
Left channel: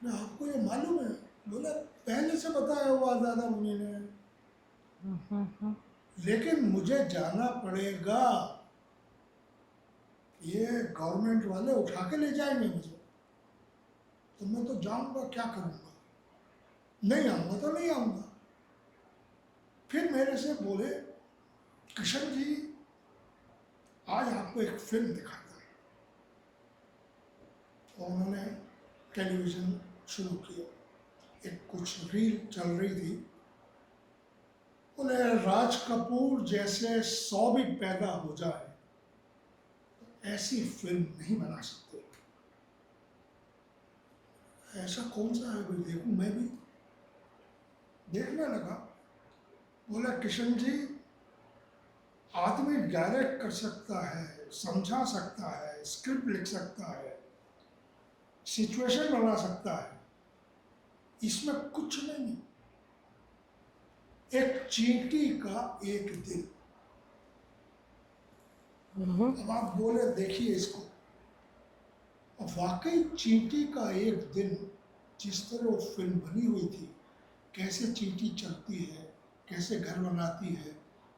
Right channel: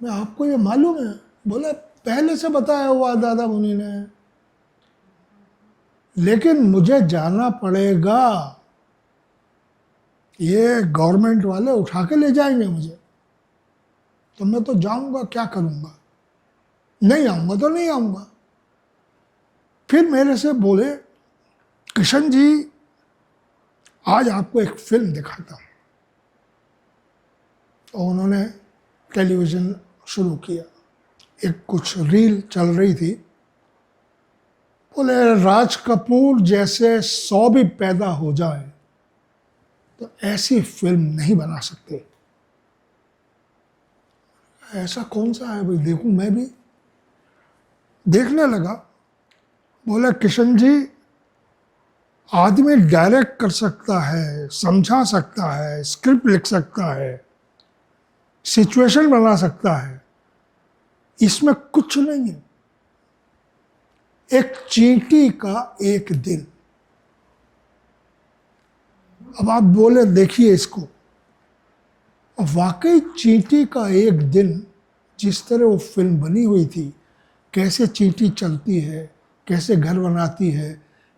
मैं आपको ये मालूम है? बोले पहले से बताया हुआ दादा मुनि ने, लेकिन मुझे जाना पड़ेगा, ये गवर्नमेंट वाले उठा के ले जाएंगे मुझे, तो मैं तो जाऊंगा, क्या करूंगा, नहीं आऊंगा तो नहीं आऊंगा। फिर मेरे से बोले, किशन जी आज आपको एक फिल्म दिखाता हूं। और उन्होंने टेलीविज़न शुरू किया, एक कुछ रील चल रही थी। बोले राज कपूर जैसे 100 भी पैदा हो जाए तो ऐसी फिल्म नहीं बना सकते। ऐसा कौन सा है भाई, देखूं। मैं भी देखने लगा। बोले किशन जी, आदमी डायरेक्ट कर सकता है, समझा सकता है, स्क्रिप्ट लिख सकता है, सिचुएशन बना सकता है, इसमें कुछ नहीं है। एक चींटी का एक दिन। अब आप बोले देखिए इसको, वाकई चींटी का एक दिन, जिस तरह वो फिल्म बनी हुई थी, कैसे चींटी चलती है, कैसे घर बनाती है,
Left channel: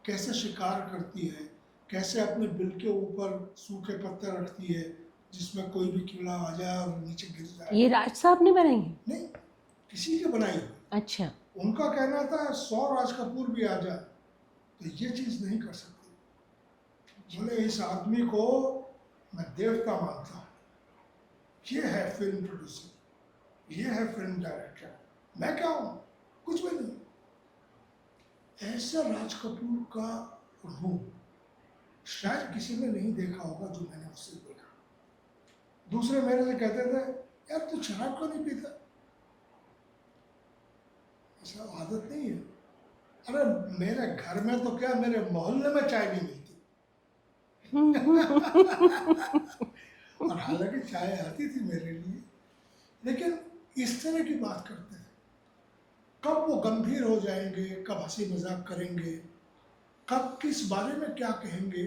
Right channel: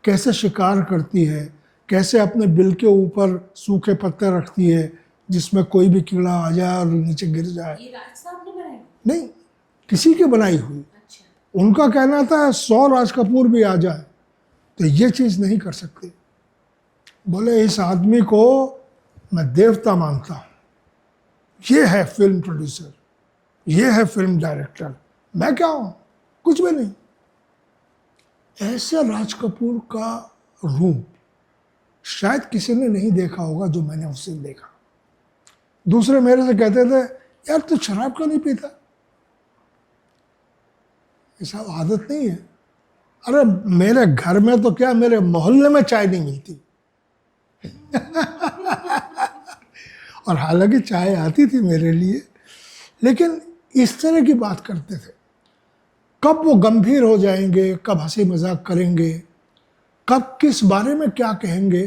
कैसे शिकार करती है, कैसे अपने बिल के ऊपर सूखे पत्ते रखती है जिसमें कोई भी कीड़ा आ जाए और नीचे गिर जाए। ये राज साहब ने बनाई है? नहीं, किसी की बनाई हुई। अच्छा। उनका कहना था 100 राज कपूर भी आ जाए तो ये चीज़ नहीं कर सकते। बोले इस आदमी को मैं देवता मानता हूँ, ये है फिल्म प्रोड्यूसर, ये है फिल्म डायरेक्टर, मैं क्या हूँ, कुछ भी नहीं। ऐसे राज कपूर का रूप शायद किसी ने नहीं देखा होगा जो मैंने उससे देखा। दूसरे मेरे से कहते थे, यार तू शराब क्यों नहीं पीता? ऐसा आदत नहीं है। अरे मेरे घर में तो क्या, मेरे मोहल्ले में चाय नहीं मिलती। और हालांकि चाय आती थी मेरे लिए, लेकिन इस तरह की बात करते थे। कब वो गंभीर हो जाएंगे, कब हंसी मजाक करेंगे, कब किस बारे में क्या कहेंगे,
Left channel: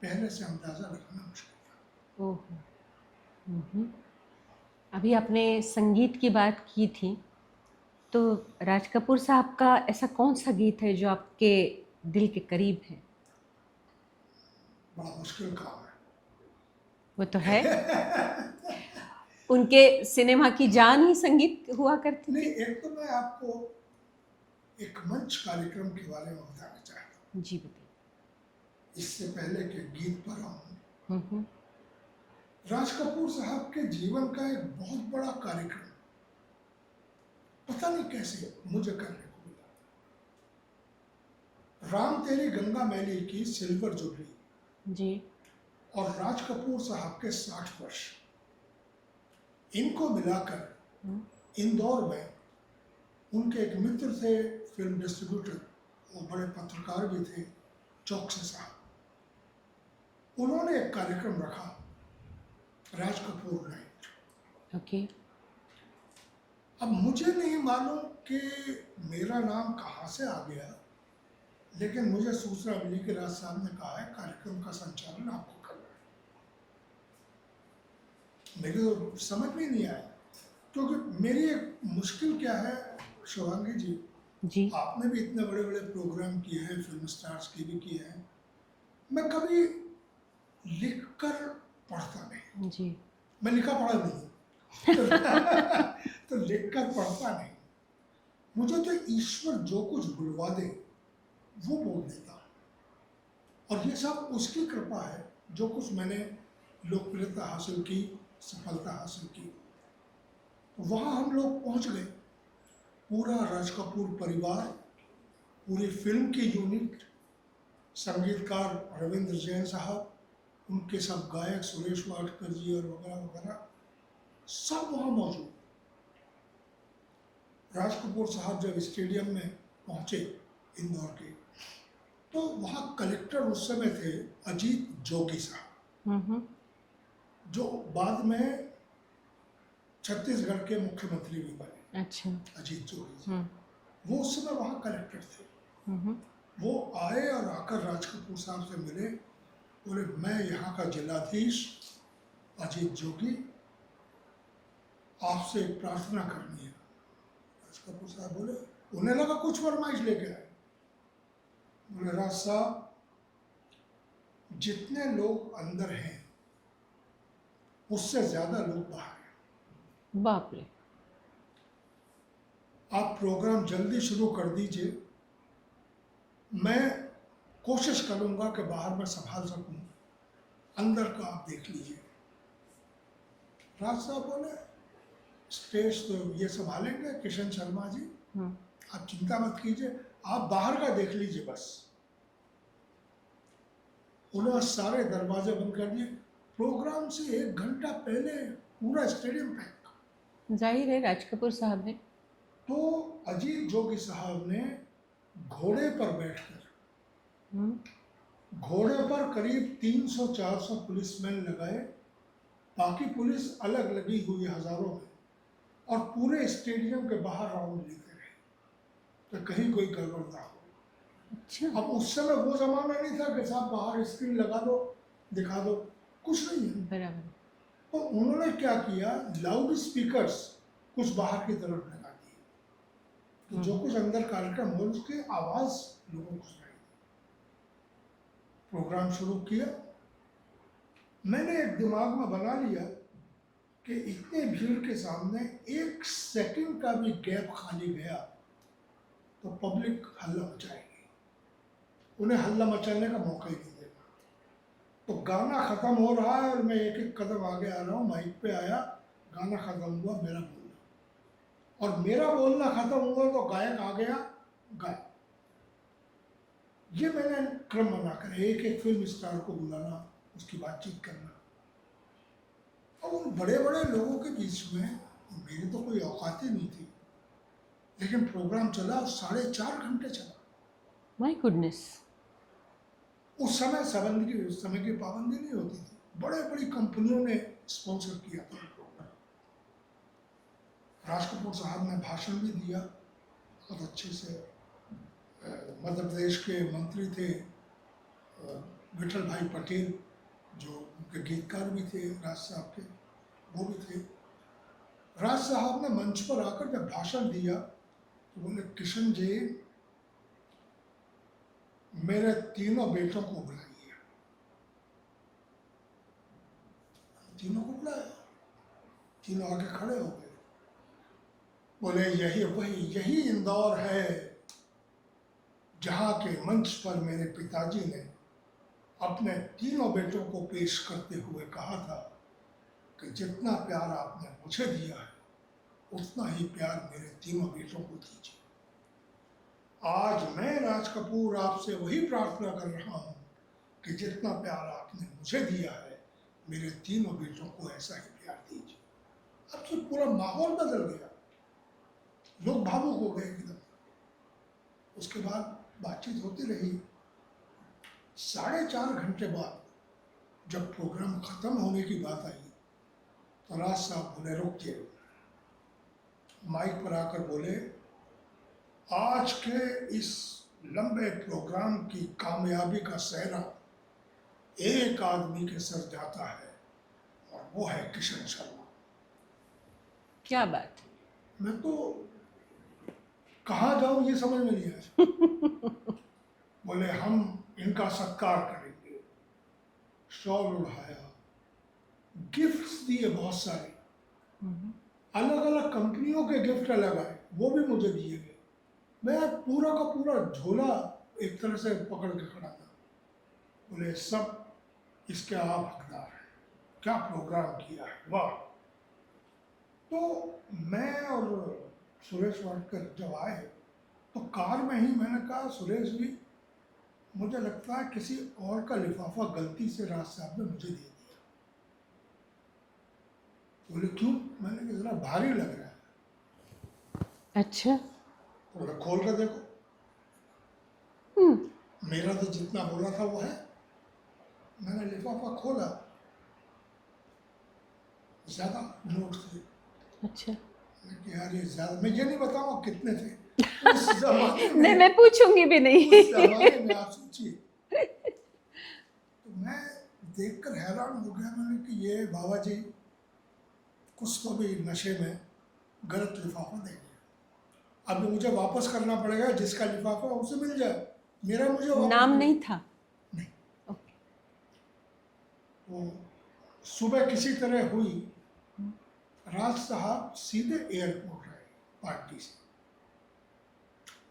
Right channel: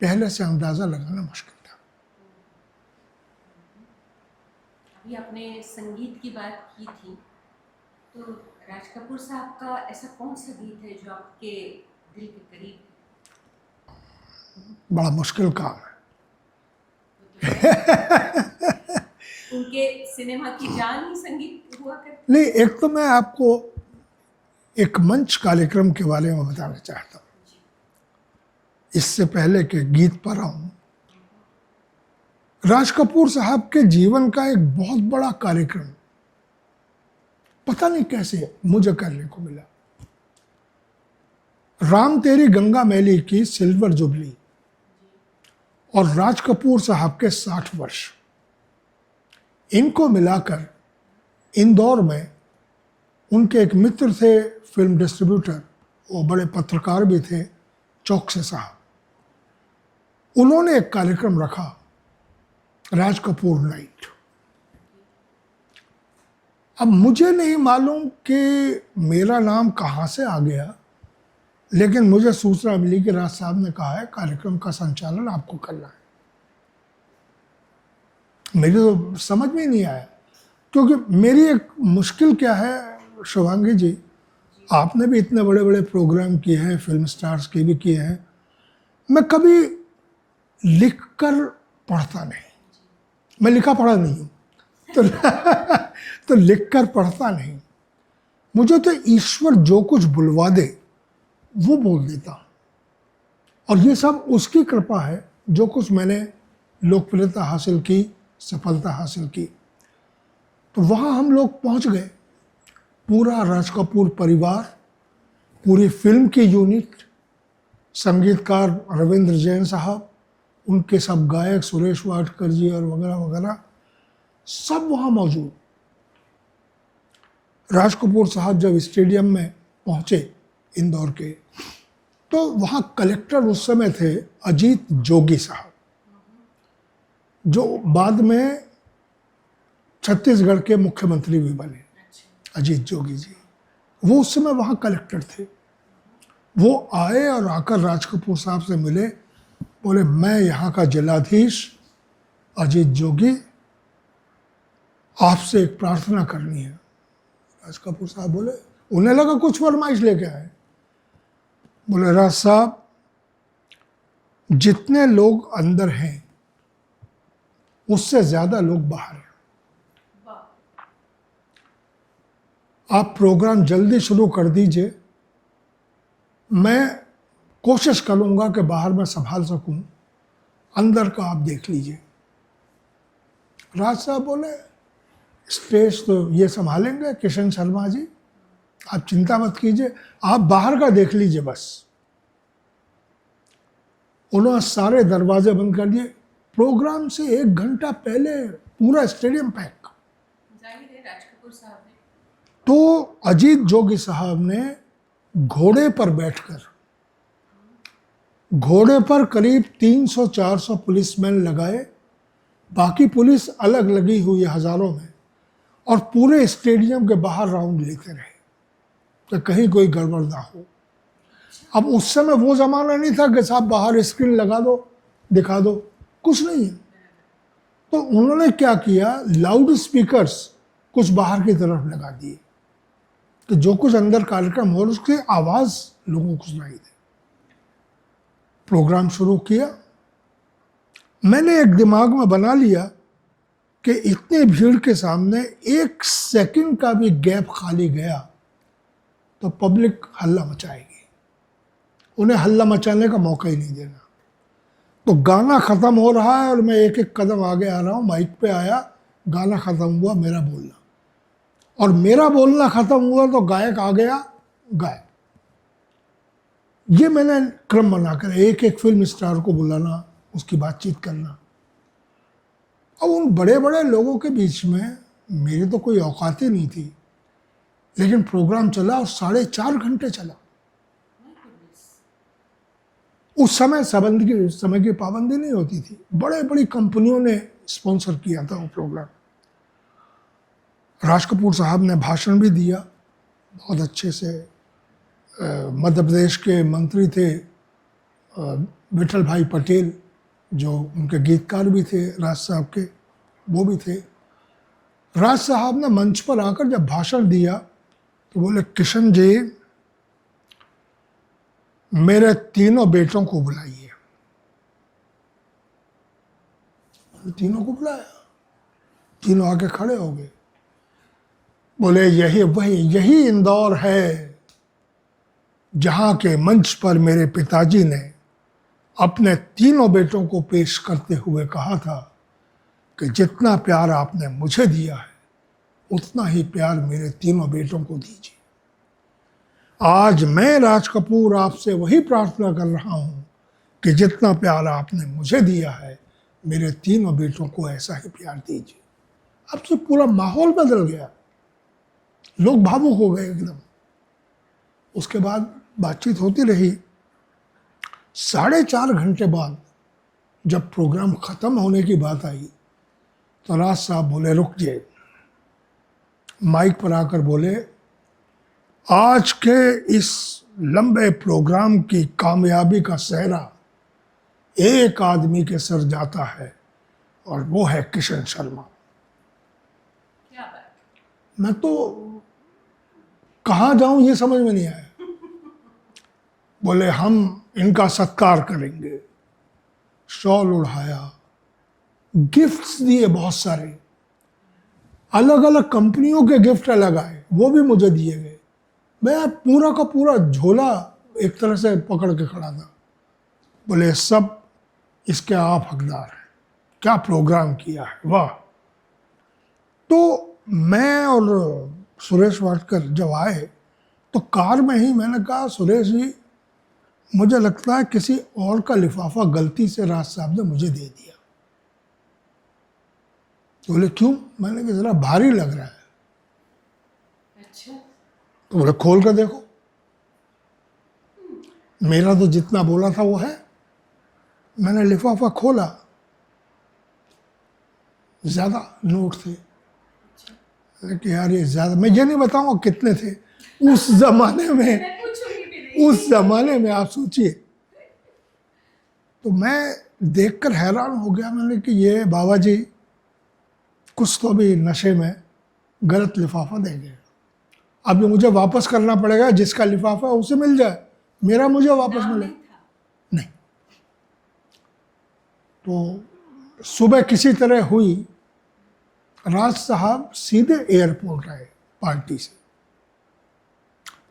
पहले से अंदाजा लगाना मुश्किल था। ओहो। हम्म। अभी आपने संगीत की बात की थी, तो राज कपूर साहब का ऐसा कौन सा गीत है जो आपके दिल के करीब है? बड़ा मुश्किल काम है। वो तो है। उनके सिनेमा की जान ही संगीत हुआ करती। नहीं, एक तो मैं आपको एक मंच कार्यक्रम के बारे में बताना चाहता हूँ, जी बताइए। इससे पहले कि गीत पर आऊँ। राज कपूर साहब के जीवन का एक बहुत बड़ा कार्यक्रम पता नहीं कैसे मुझे करने को मिला। राम तेरी गंगा मैली की सिल्वर जुबली जी। और राज कपूर साहब के 60 वर्ष, इनको मिलाकर इंदौर में उनके एक मित्र थे, फिल्म डिस्ट्रीब्यूटर, वो बड़े पत्रकार भी थे, चौकसे साहब, उन्होंने एक कार्यक्रम रखा, राज कपूर नाइट। ओके। अब मुझे नहीं मालूम कि मेरा नाम कहाँ से आ गया, लेकिन मुझे सूचना मिली कि राज साहब ने कहा है कार्यक्रम का संचालन आपको करना है। मेरी तो समझ में ही नहीं आया, क्योंकि मेरी एक मुश्किल क्या है शुभांगी जी, जी। आपने भी इतने बड़े बड़े प्रोग्राम किए हैं, फिल्म स्टार्स के भी किए हैं, मैं कभी लिख कर पढ़ता नहीं। जी। मैं लिखा पढ़ा नहीं हूँ, तो, तो लिख कर पढ़ता नहीं। मुझे तो ईश्वर जो कुछ बुलवा दे वो बोल देता हूँ, और ये सब उसकी कृपा है। जो कुछ मैंने लोकप्रियता हासिल की, सफलता हासिल की, तो वहाँ हम लोग पहुँच गए, पूरा राज कपूर परिवार, पूरी फिल्म की यूनिट, संगीतकार रविंद्र जैन साहब, उनके सब गायक सुरेश वाडकर जी और वगैरह वगैरह, सब वहाँ मौजूद। राज कपूर साहब जब स्टेडियम में पहुँचे इंदौर के, तो वहाँ कलेक्टर उस समय थे अजीत जोगी साहब, जो बाद में छत्तीसगढ़ के मुख्यमंत्री भी बने। अच्छा। अजीत जोगी जी, वो उस समय वहाँ कलेक्टर थे। वो आए और आकर राज कपूर साहब से मिले, बोले मैं यहाँ का जिलाधीश अजीत जोगी, आपसे एक प्रार्थना करनी है। राज कपूर साहब बोले, उन्हें लगा कुछ फरमाइश लेके आए। बोले राज साहब, जितने लोग अंदर हैं उससे ज्यादा लोग बाहर हैं, बाप रे। आप प्रोग्राम जल्दी शुरू कर दीजिए, मैं कोशिश करूंगा कि बाहर में संभाल सकूं, अंदर का आप देख लीजिए। राज साहब बोले स्टेज तो ये संभालेंगे किशन शर्मा जी, आप चिंता मत कीजिए, आप बाहर का देख लीजिए बस। उन्होंने सारे दरवाजे बंद कर दिए। प्रोग्राम से 1 घंटा पहले पूरा स्टेडियम पैक। जाहिर है राज कपूर साहब ने। तो अजीत जोगी साहब ने घोड़े पर बैठकर, घोड़े पर करीब 300-400 पुलिसमैन लगाए, बाकी पुलिस अलग लगी हुई है हजारों में, और पूरे स्टेडियम के बाहर राउंड लेते रहे तो कहीं कोई गड़बड़ ना हो। अब उस समय वो जमाना नहीं था कि साहब बाहर स्क्रीन लगा दो दिखा दो, कुछ नहीं है। बराबर। तो उन्होंने क्या किया, लाउड स्पीकर्स कुछ बाहर की तरफ लगा दिए, तो जो कुछ अंदर कार्यक्रम हो उसकी आवाज लोगों को सुनाई दे। प्रोग्राम शुरू किया। मैंने एक दिमाग में बना लिया कि इतने भीड़ के सामने 1 सेकंड का भी गैप खाली गया तो पब्लिक हल्ला मचाएगी, उन्हें हल्ला मचाने का मौका ही नहीं देना। तो गाना ख़त्म हो रहा है और मैं एक एक कदम आगे आ रहा हूँ, माइक पे आया, गाना ख़त्म हुआ, मेरा बोलना, और मेरा बोलना ख़त्म हुआ तो गायक आ गया, गायक। ये मैंने क्रम बनाकर एक एक फिल्म स्टार को बुलाना, उसकी बातचीत करना। अब उन बड़े बड़े लोगों के बीच में मेरी तो कोई औकात ही नहीं थी, लेकिन प्रोग्राम चला और 4.5 घंटे चला। My goodness. उस समय समय की पाबंदी नहीं होती थी, बड़े बड़ी कंपनियों ने स्पॉन्सर किया था वो प्रोग्राम। राज कपूर साहब ने भाषण भी दिया बहुत अच्छे से। मध्य प्रदेश के मंत्री थे विठल भाई पटेल, जो उनके गीतकार भी थे राज साहब के, वो भी थे। राज साहब ने मंच पर आकर जब भाषण दिया तो बोले, किशन जी मेरे तीनों बेटों को बुलाइए। तीनों को बुलाया, तीनों आके खड़े हो गए। बोले, यही इंदौर है जहां के मंच पर मेरे पिताजी ने अपने तीनों बेटों को पेश करते हुए कहा था कि जितना प्यार आपने मुझे दिया है उतना ही प्यार मेरे तीनों बेटों को दीजिए। आज मैं राज कपूर आपसे वही प्रार्थना कर रहा हूं कि जितना प्यार आपने मुझे दिया है मेरे तीनों बेटों को ऐसा ही प्यार दीजिए। अब तो पूरा माहौल बदल गया, लोग भावुक हो गए एकदम। उसके बाद बातचीत होती रही। 4.5 घंटे बाद जब प्रोग्राम खत्म होने की बात आई तो राज साहब बोले, रुक जाइए। माइक पर आकर बोले, आज के इस लंबे प्रोग्राम की कामयाबी का सेहरा एक आदमी के सर जाता है और वो है किशन शर्मा। क्या बात। मैं तो कहाँ जाऊं ये समझ में नहीं आया। बोले, हम इनका सत्कार करेंगे। शॉल उड़ाया, गिफ्ट्स दिए बहुत सारे, अलग अलग कंपनियों के गिफ्ट अलग आए, वो भी मुझे दिए गए। मैं पूरा का पूरा झोला एक तरह से पकड़ के खड़ा था। बोले, सब इसके आप हकदार हैं, क्या प्रोग्राम किया है, वाह। तो मैं और सुरेश वाडकर जब आए तो कार में ही मैंने कहा, सुरेश जी मुझे लगता है किसी और का लिफाफा गलती से राज साहब ने मुझे दे दिया। तो बोले, क्यों? मैंने कहा, जरा भारी लग रहा है। अच्छा। तो बोले, खोल कर देखो। मेरा तो जितना बोला था वो है। मैंने लिफाफा खोला, ज्यादा नोट थे। अच्छा। कि यार ये ज्यादा, मैं ये नहीं बताऊंगा कितने थे उस जमाने में। मैं पूछूंगी भी नहीं। उस जमाने में आप सोचिए। तो मैं देखकर हैरान हो गया। मैंने कि ये बाबा जी कुछ तो भी नशे में गलत लिफाफा देंगे। अब ये मुझे वापस करना पड़ेगा, जिसका लिफाफा है उसे मिल जाए, मेरा मुझे वापस नाम मिले। नहीं था। नहीं। तो सुबह किसी तरह हुई, राज साहब सीधे एयरपोर्ट आए पार्टी से,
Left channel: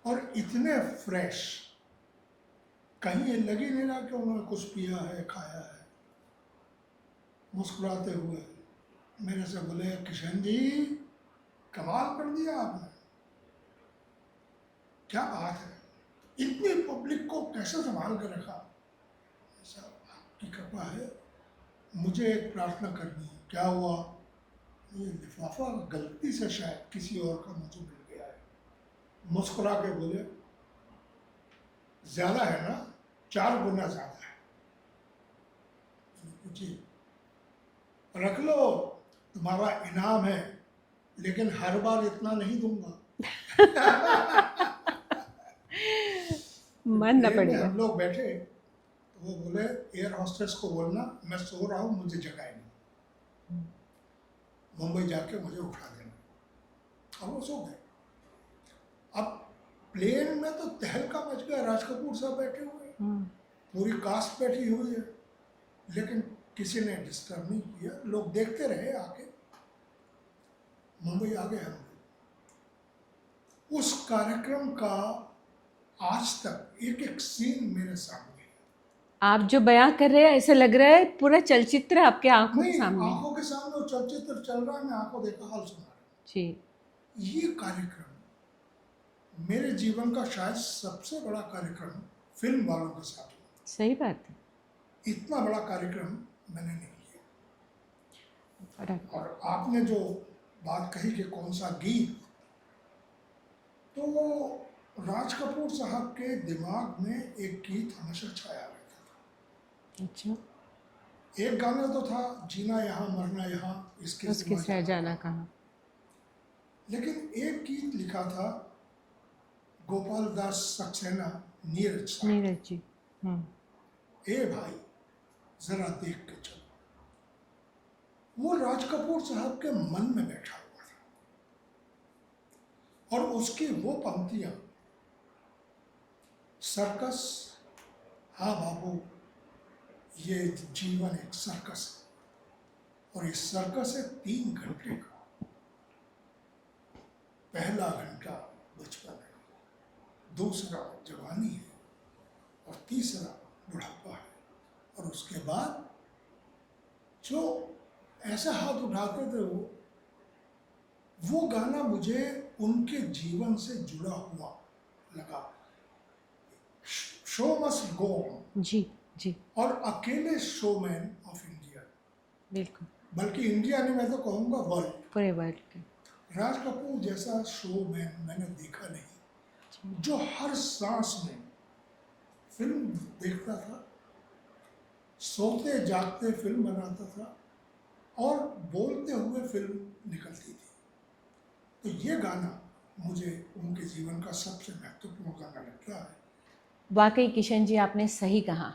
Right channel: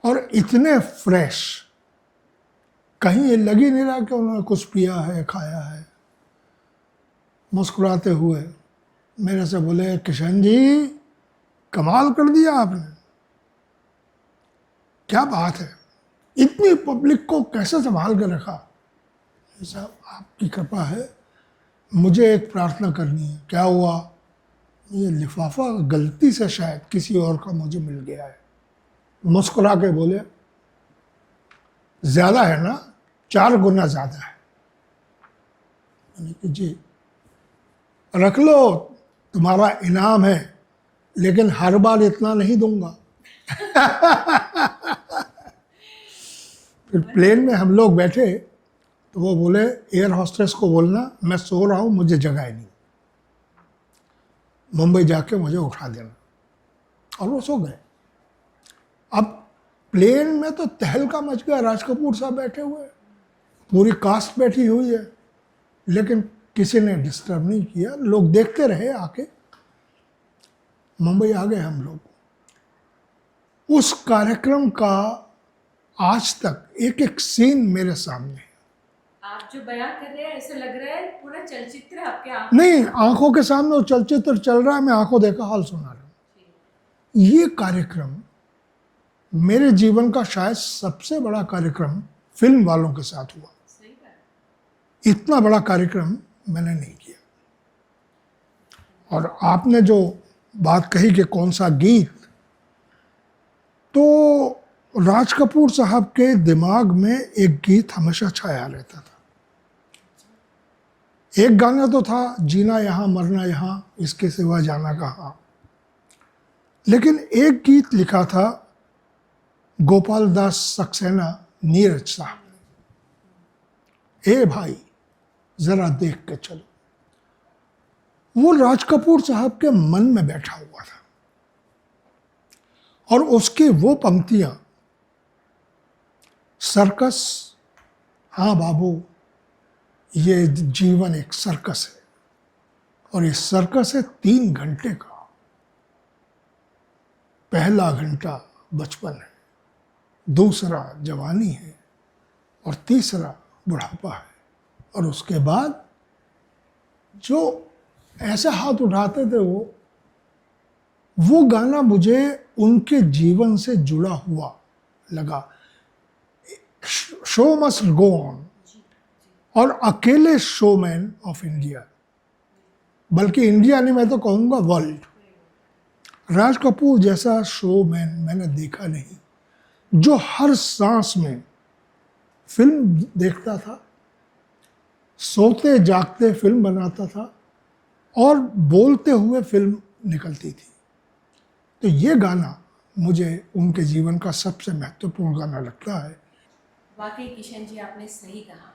और इतने फ्रेश, कहीं ये लग ही नहीं रहा कि उन्होंने कुछ पिया है, खाया है। मुस्कुराते हुए मेरे से बोले, किशन जी कमाल कर दिया आपने, क्या बात है, इतनी पब्लिक को कैसे संभाल कर रखा। साहब आपकी कृपा है, मुझे एक प्रार्थना करनी है। क्या हुआ? ये लिफाफा गलती से शायद किसी और का मुझे मिल गया है। मुस्कुरा के बोले, ज्यादा है ना? 4 गुना ज्यादा है। मैंने कहा, जी रख लो, तुम्हारा इनाम है, लेकिन हर बार इतना नहीं दूंगा। प्लेन में हम लोग बैठे तो वो बोले, एयर होस्टेस को बोलना मैं सो रहा हूं, मुझे जगाए नहीं, मुंबई जाके मुझे उठा देना। और वो सो गए। अब प्लेन में तो तहलका मच गया, राज कपूर साहब बैठे हुए हैं, पूरी कास्ट बैठी हुई है, लेकिन किसी ने डिस्टर्ब नहीं किया। लोग देखते रहे आके। मुंबई आ गए हम लोग। उस कार्यक्रम का आज तक एक एक सीन मेरे सामने है। आप जो बयां कर रहे हैं ऐसे लग रहा है पूरा चलचित्र आपके आंखों नहीं, के सामने। आंखों के सामने वो चलचित्र चल रहा है, मैं आंखों देखा हाल सुना रहा हूँ। जी। ये कार्यक्रम मेरे जीवन का शायद सबसे बड़ा कार्यक्रम फिल्म वालों के साथ हुआ। सही बात है। इतना बड़ा कार्यक्रम मैंने नहीं किया। बड़ा। और आपने जो बात कही कि कौन सा गीत, तो राज कपूर साहब के दिमाग में एक गीत हमेशा छाया रहता था। अच्छा। एक गाना तो था, जीना यहाँ मरना यहाँ, इसके सिवा जाना कहाँ। लेकिन एक गीत लिखा था गोपाल दास सक्सेना, नीरज साहब। नीरज जी। ए भाई जरा देख के चलो। वो राज कपूर साहब के मन में बैठा हुआ था और उसकी वो पंक्तियां, सर्कस, हाँ बाबू ये जीवन एक सर्कस है और ये सर्कस है 3 घंटे का। पहला घंटा बचपन है, दूसरा जवानी है और तीसरा बुढ़ापा है, और उसके बाद जो ऐसे हाथ उठाते थे वो गाना मुझे उनके जीवन से जुड़ा हुआ लगा। Show must go on. जी जी, और अकेले शोमैन ऑफ इंडिया, बिल्कुल, बल्कि इंडिया नहीं, मैं तो कहूँगा वर्ल्ड, पूरे वर्ल्ड के। राज कपूर जैसा शोमैन मैंने देखा नहीं, जो हर सांस में फिल्म देखता था, सोते जागते फिल्म बनाता था और बोलते हुए फिल्म निकलती थी। तो ये गाना मुझे उनके जीवन का सबसे महत्वपूर्ण गाना लगता है। वाकई किशन जी, आपने सही कहा।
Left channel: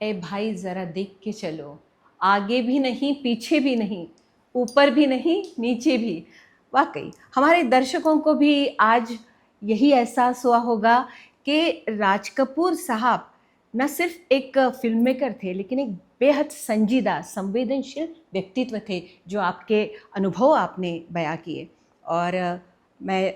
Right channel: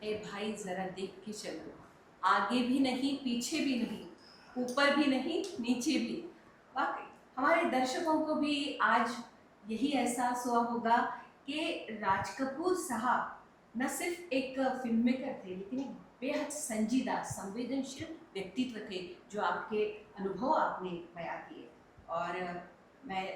ए भाई ज़रा देख के चलो, आगे भी नहीं पीछे भी नहीं, ऊपर भी नहीं नीचे भी। वाकई हमारे दर्शकों को भी आज यही एहसास हुआ होगा कि राज कपूर साहब न सिर्फ एक फिल्म मेकर थे, लेकिन एक बेहद संजीदा संवेदनशील व्यक्तित्व थे, जो आपके अनुभव आपने बयां किए। और मैं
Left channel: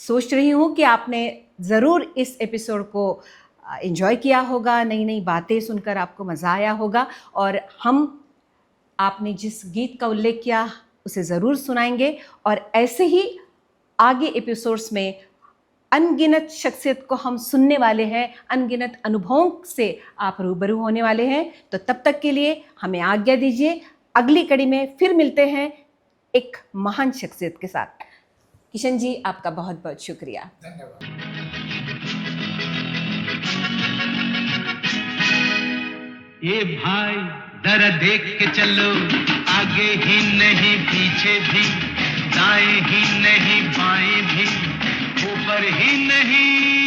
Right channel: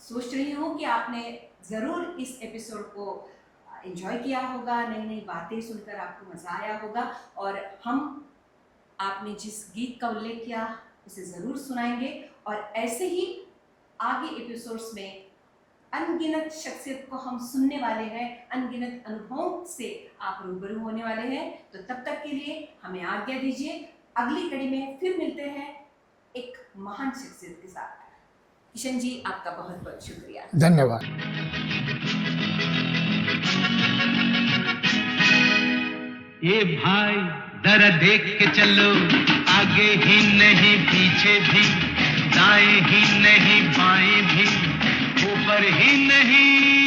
सोच रही हूँ कि आपने ज़रूर इस एपिसोड को एंजॉय किया होगा, नई नई बातें सुनकर आपको मज़ा आया होगा। और हम आपने जिस गीत का उल्लेख किया उसे ज़रूर सुनाएंगे, और ऐसे ही आगे एपिसोड्स में अनगिनत शख्सियत को हम सुनने वाले हैं, अनगिनत अनुभवों से आप रूबरू होने वाले हैं। तो तब तक के लिए हमें आज्ञा दीजिए, अगली कड़ी में फिर मिलते हैं एक महान शख्सियत के साथ। किशन जी, आपका बहुत बहुत शुक्रिया। धन्यवाद। ये भाई जरा देख के चलो, आगे ही नहीं पीछे भी, दाएं ही नहीं बाएं भी, ऊपर ही नहीं